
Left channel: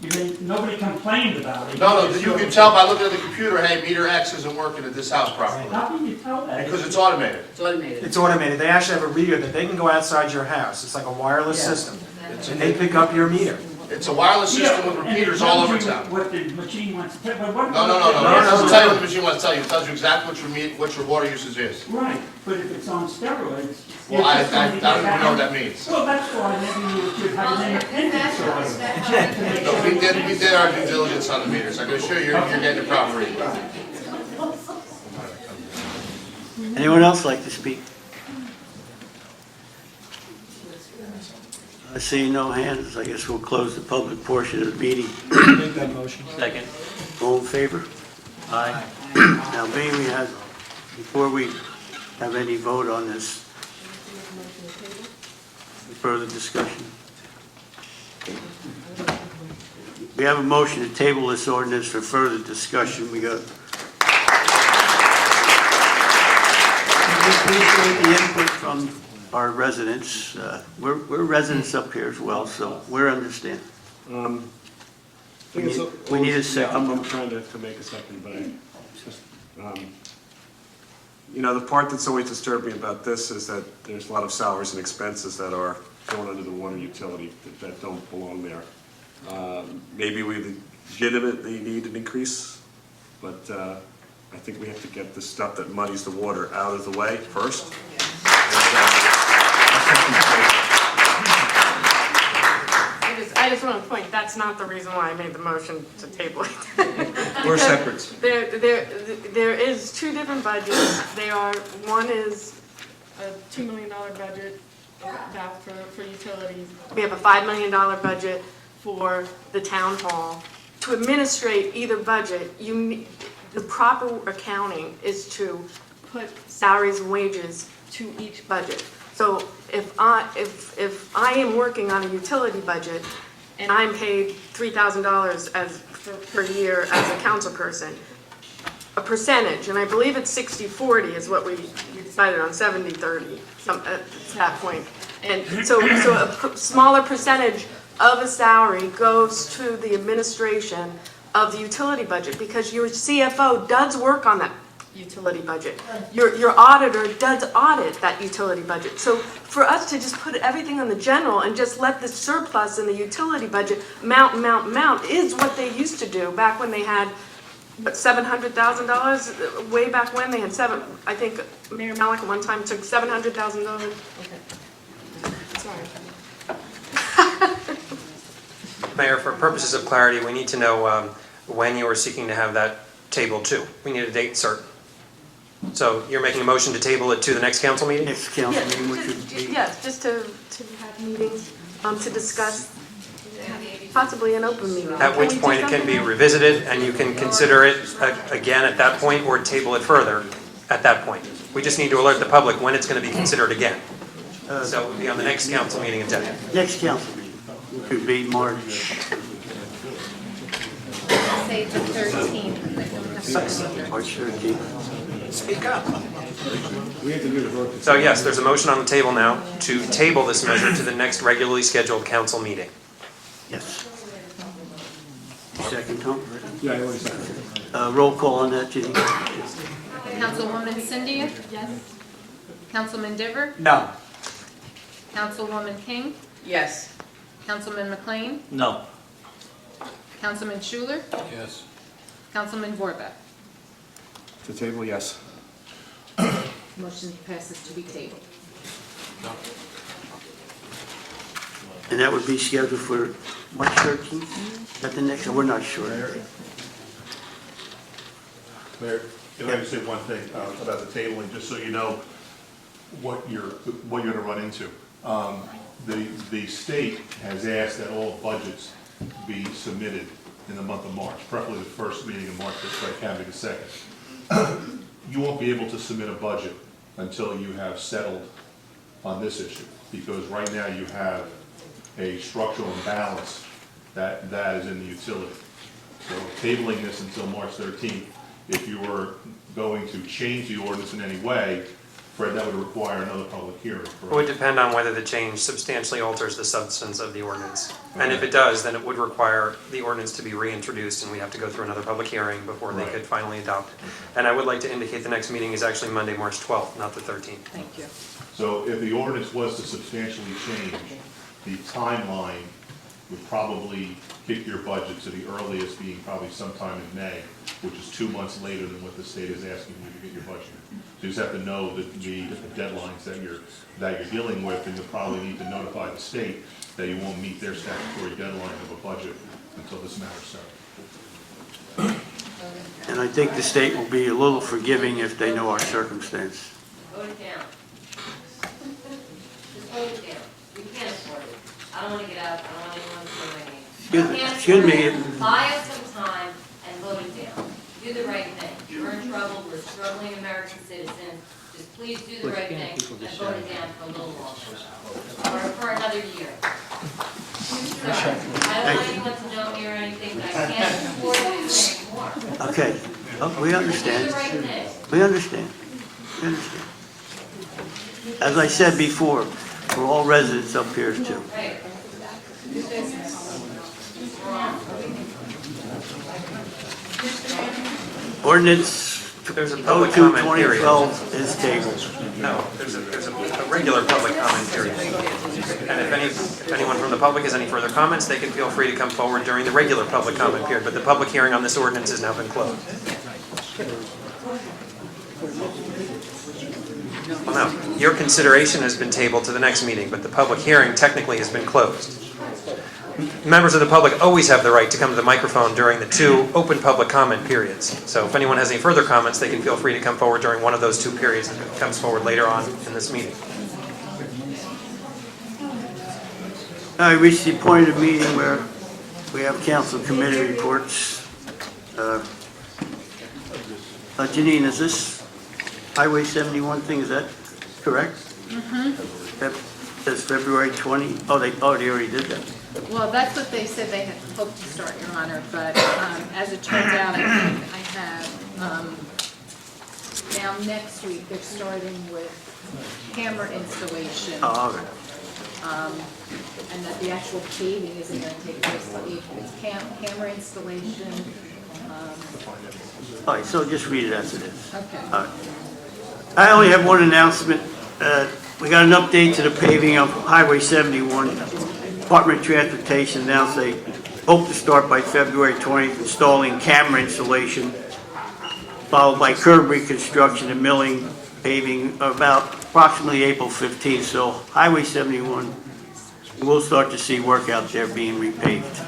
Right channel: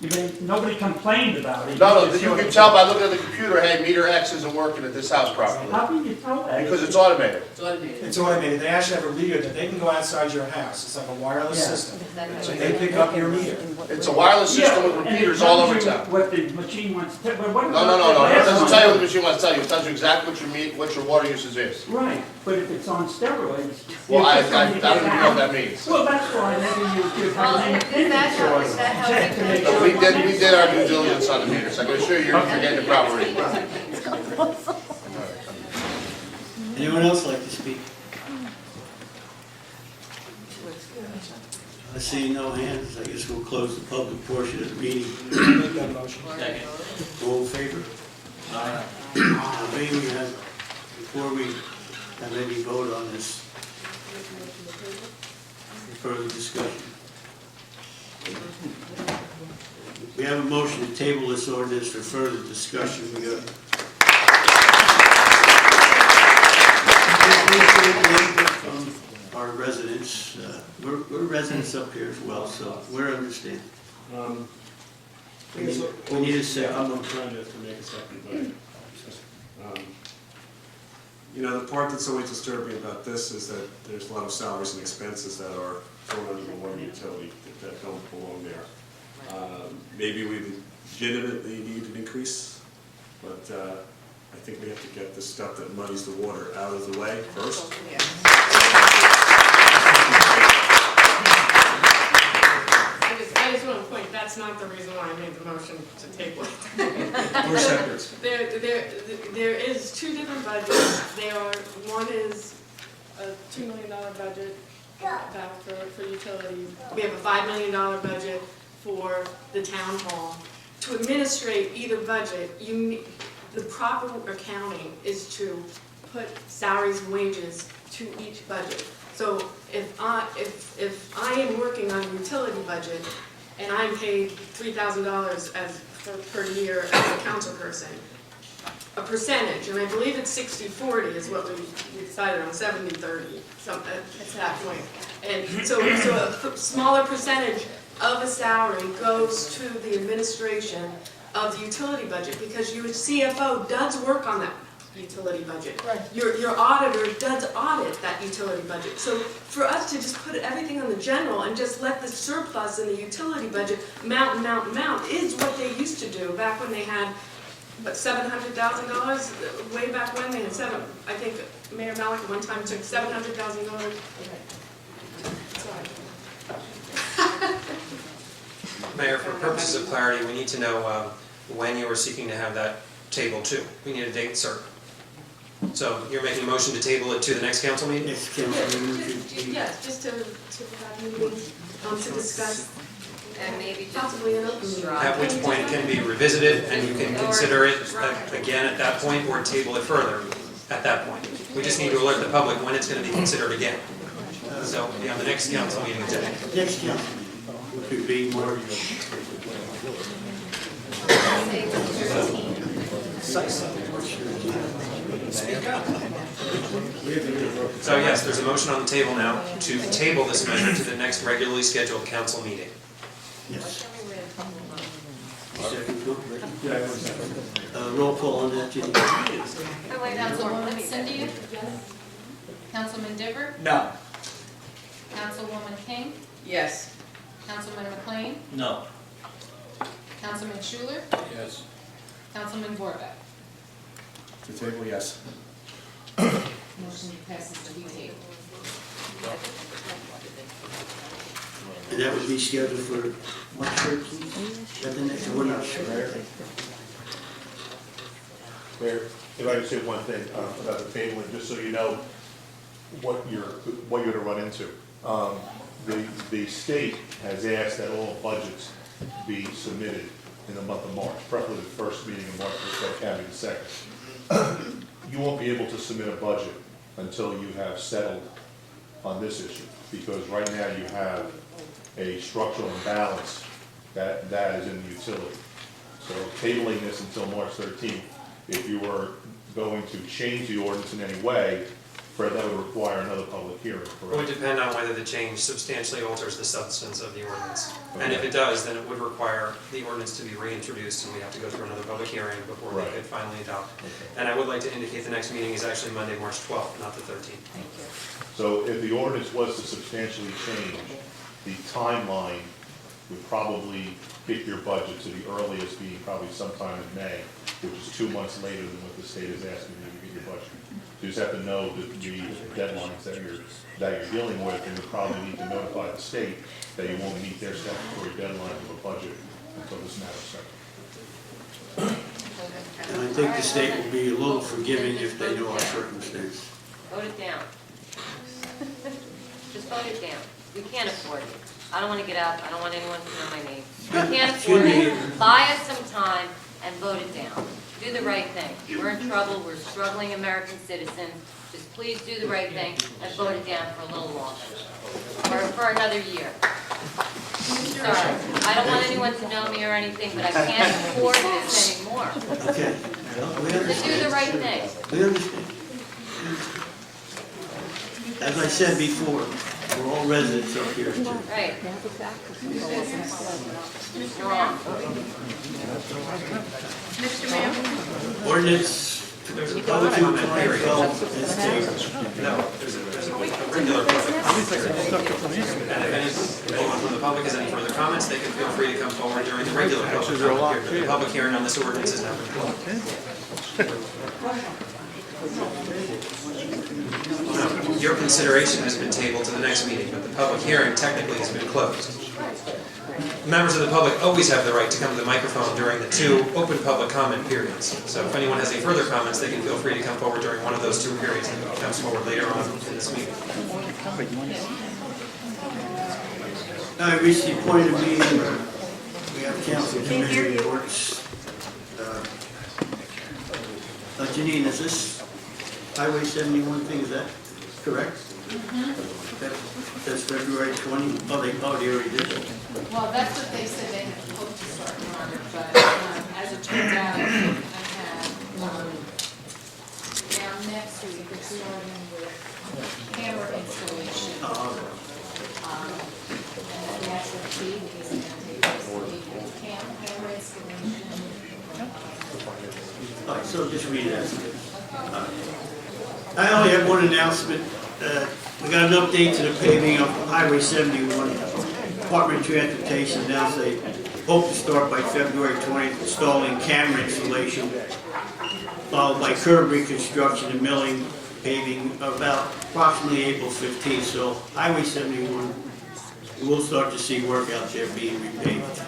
You mean, nobody complained about it? No, you can tell by looking at the computer, hey, meter X isn't working at this house properly. How can you tell that? Because it's automated. It's automated. They actually have a reader that they can go outside your house. It's like a wireless system. And they pick up your meter. It's a wireless system with repeaters all over town. What the machine wants to tell, but what No, it doesn't tell you what the machine wants to tell you. It tells you exactly what your water usage is. Right, but if it's on steroids. Well, I don't even know what that means. Well, that's why maybe you should have an independent source. No, we did our due diligence on the meters. I can assure you, you're getting the proper reading. Anyone else like to speak? I see no hands. I guess we'll close the public portion of the meeting. Make that motion. Second. All in favor? Aye. Now, may we have, before we have any vote on this, Further discussion? We have a motion to table this ordinance for further discussion. We got. Appreciate the input from our residents. We're residents up here as well, so we understand. We need a second. I'm trying to make a second, but the part that's always disturbed me about this is that there's a lot of salaries and expenses that are going under the water utility that don't belong there. Maybe we legitimately need an increase, but I think we have to get the stuff that muddies the water out of the way first. I just want to point, that's not the reason why I made the motion to table it. We're separate. There is two different budgets. One is a $2 million budget about for utilities. We have a $5 million budget for the town hall. To administrate either budget, the proper accounting is to put salaries and wages to each budget. So if I am working on a utility budget and I'm paid $3,000 per year as a council person, a percentage, and I believe it's 60-40 is what we decided on, 70-30 at that point. And so a smaller percentage of a salary goes to the administration of the utility budget, because your CFO does work on that utility budget. Your auditor does audit that utility budget. So for us to just put everything on the general and just let the surplus in the utility budget mount is what they used to do back when they had $700,000, way back when they had I think Mayor Malik at one time took $700,000. Okay. Sorry. Mayor, for purposes of clarity, we need to know when you are seeking to have that tabled to. We need a date certain. So you're making a motion to table it to the next council meeting? Next council meeting, which would be. Yes, just to have meetings, to discuss possibly an open meeting. At which point it can be revisited and you can consider it again at that point or table it further at that point. We just need to alert the public when it's going to be considered again. So it'll be on the next council meeting agenda. Next council meeting, which would be March. Say the 13th. March 13th. Speak up. So yes, there's a motion on the table now to table this measure to the next regularly scheduled council meeting. Yes. Second, Tom? Yeah, I want a second. Roll call on that, Ginny. Councilwoman Cindy? Yes. Councilman Diver? No. Councilwoman King? Yes. Councilman McLean? No. Councilman Schuler? Yes. Councilman Borbeck? To table, yes. Motion passes to be tabled. And that would be scheduled for March 13th? Is that the next, we're not sure. Mayor, if I could say one thing about the tabling, just so you know what you're gonna run into. The state has asked that all budgets be submitted in the month of March, preferably the first meeting of March, but it can be the second. You won't be able to submit a budget until you have settled on this issue, because right now you have a structural imbalance that is in the utility. So tabling this until March 13th, if you were going to change the ordinance in any way, Fred, that would require another public hearing. It would depend on whether the change substantially alters the substance of the ordinance. And if it does, then it would require the ordinance to be reintroduced, and we'd have to go through another public hearing before they could finally adopt it. And I would like to indicate the next meeting is actually Monday, March 12th, not the 13th. Thank you. So if the ordinance was to substantially change, the timeline would probably kick your budget to the earliest being probably sometime in May, which is 2 months later than what the state is asking you to get your budget. So you just have to know the deadlines that you're dealing with, and you'll probably need to notify the state that you won't meet their statutory deadline of a budget until this matter's settled. And I think the state will be a little forgiving if they know our circumstance. Vote it down. Just vote it down. We can't afford it. I don't want to get up. I don't want anyone to know my name. We can't afford it. Buy us some time and vote it down. Do the right thing. We're in trouble. We're struggling American citizens. just please do the right thing and vote it down for a little longer, or for another year. Sorry, I don't want anyone to know me or anything, but I can't afford this anymore. Okay, oh, we Do understand. the right thing. We understand. We understand. As I said before, we're all residents up here too. Right. Wrong. Ordinance There's a public comment period. 02-2012 is tabled. No, there's a regular public comment period. And if anyone from the public has any further comments, they can feel free to come forward during the regular public comment period, but the public hearing on this ordinance has now been closed. Well, no, your consideration has been tabled to the next meeting, but the public hearing technically has been closed. Members of the public always have the right to come to the microphone during the two open public comment periods. So if anyone has any further comments, they can feel free to come forward during one of those two periods and comes forward later on in this meeting. I reached the point of meeting where we have council committee reports. Janine, is this Highway 71 thing, is that correct? That's February 20? Oh, they already did that. Well, that's what they said they had hoped to start, Your Honor, but as it turns out, I have, now next week, they're starting with camera installation. Oh, all right. And that the actual paving isn't going to take place till April. It's camera installation. All right, so just read it as it is. Okay. All right. I only have one announcement. We got an update to the paving of Highway 71. Department of Transportation announced they hope to start by February 20th installing camera installation, followed by curb reconstruction and milling paving about approximately April 15th. So Highway 71, we'll start to see work out there being repaved.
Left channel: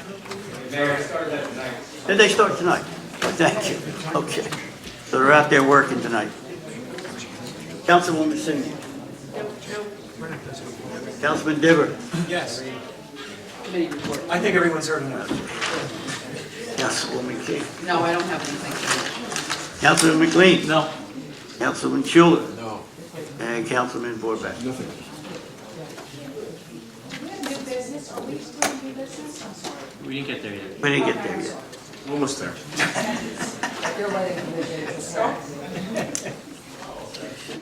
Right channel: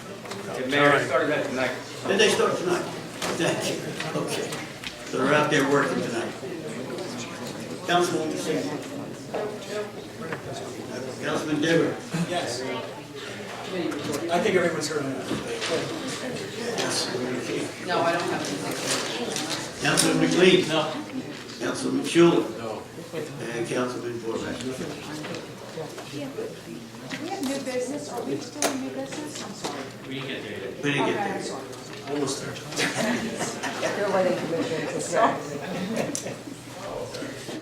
Did they start tonight? Thank you. Okay. So they're out there working tonight. Councilwoman Singh. Councilman Dibber. Yes. I think everyone's heard enough. Councilwoman King. No, I don't have anything. Councilman McLean. No. Councilman Schuler. No. And Councilman Borbeck. We have new business, are we still in new business? I'm sorry. We didn't get there yet. Almost there. You're letting commissioners.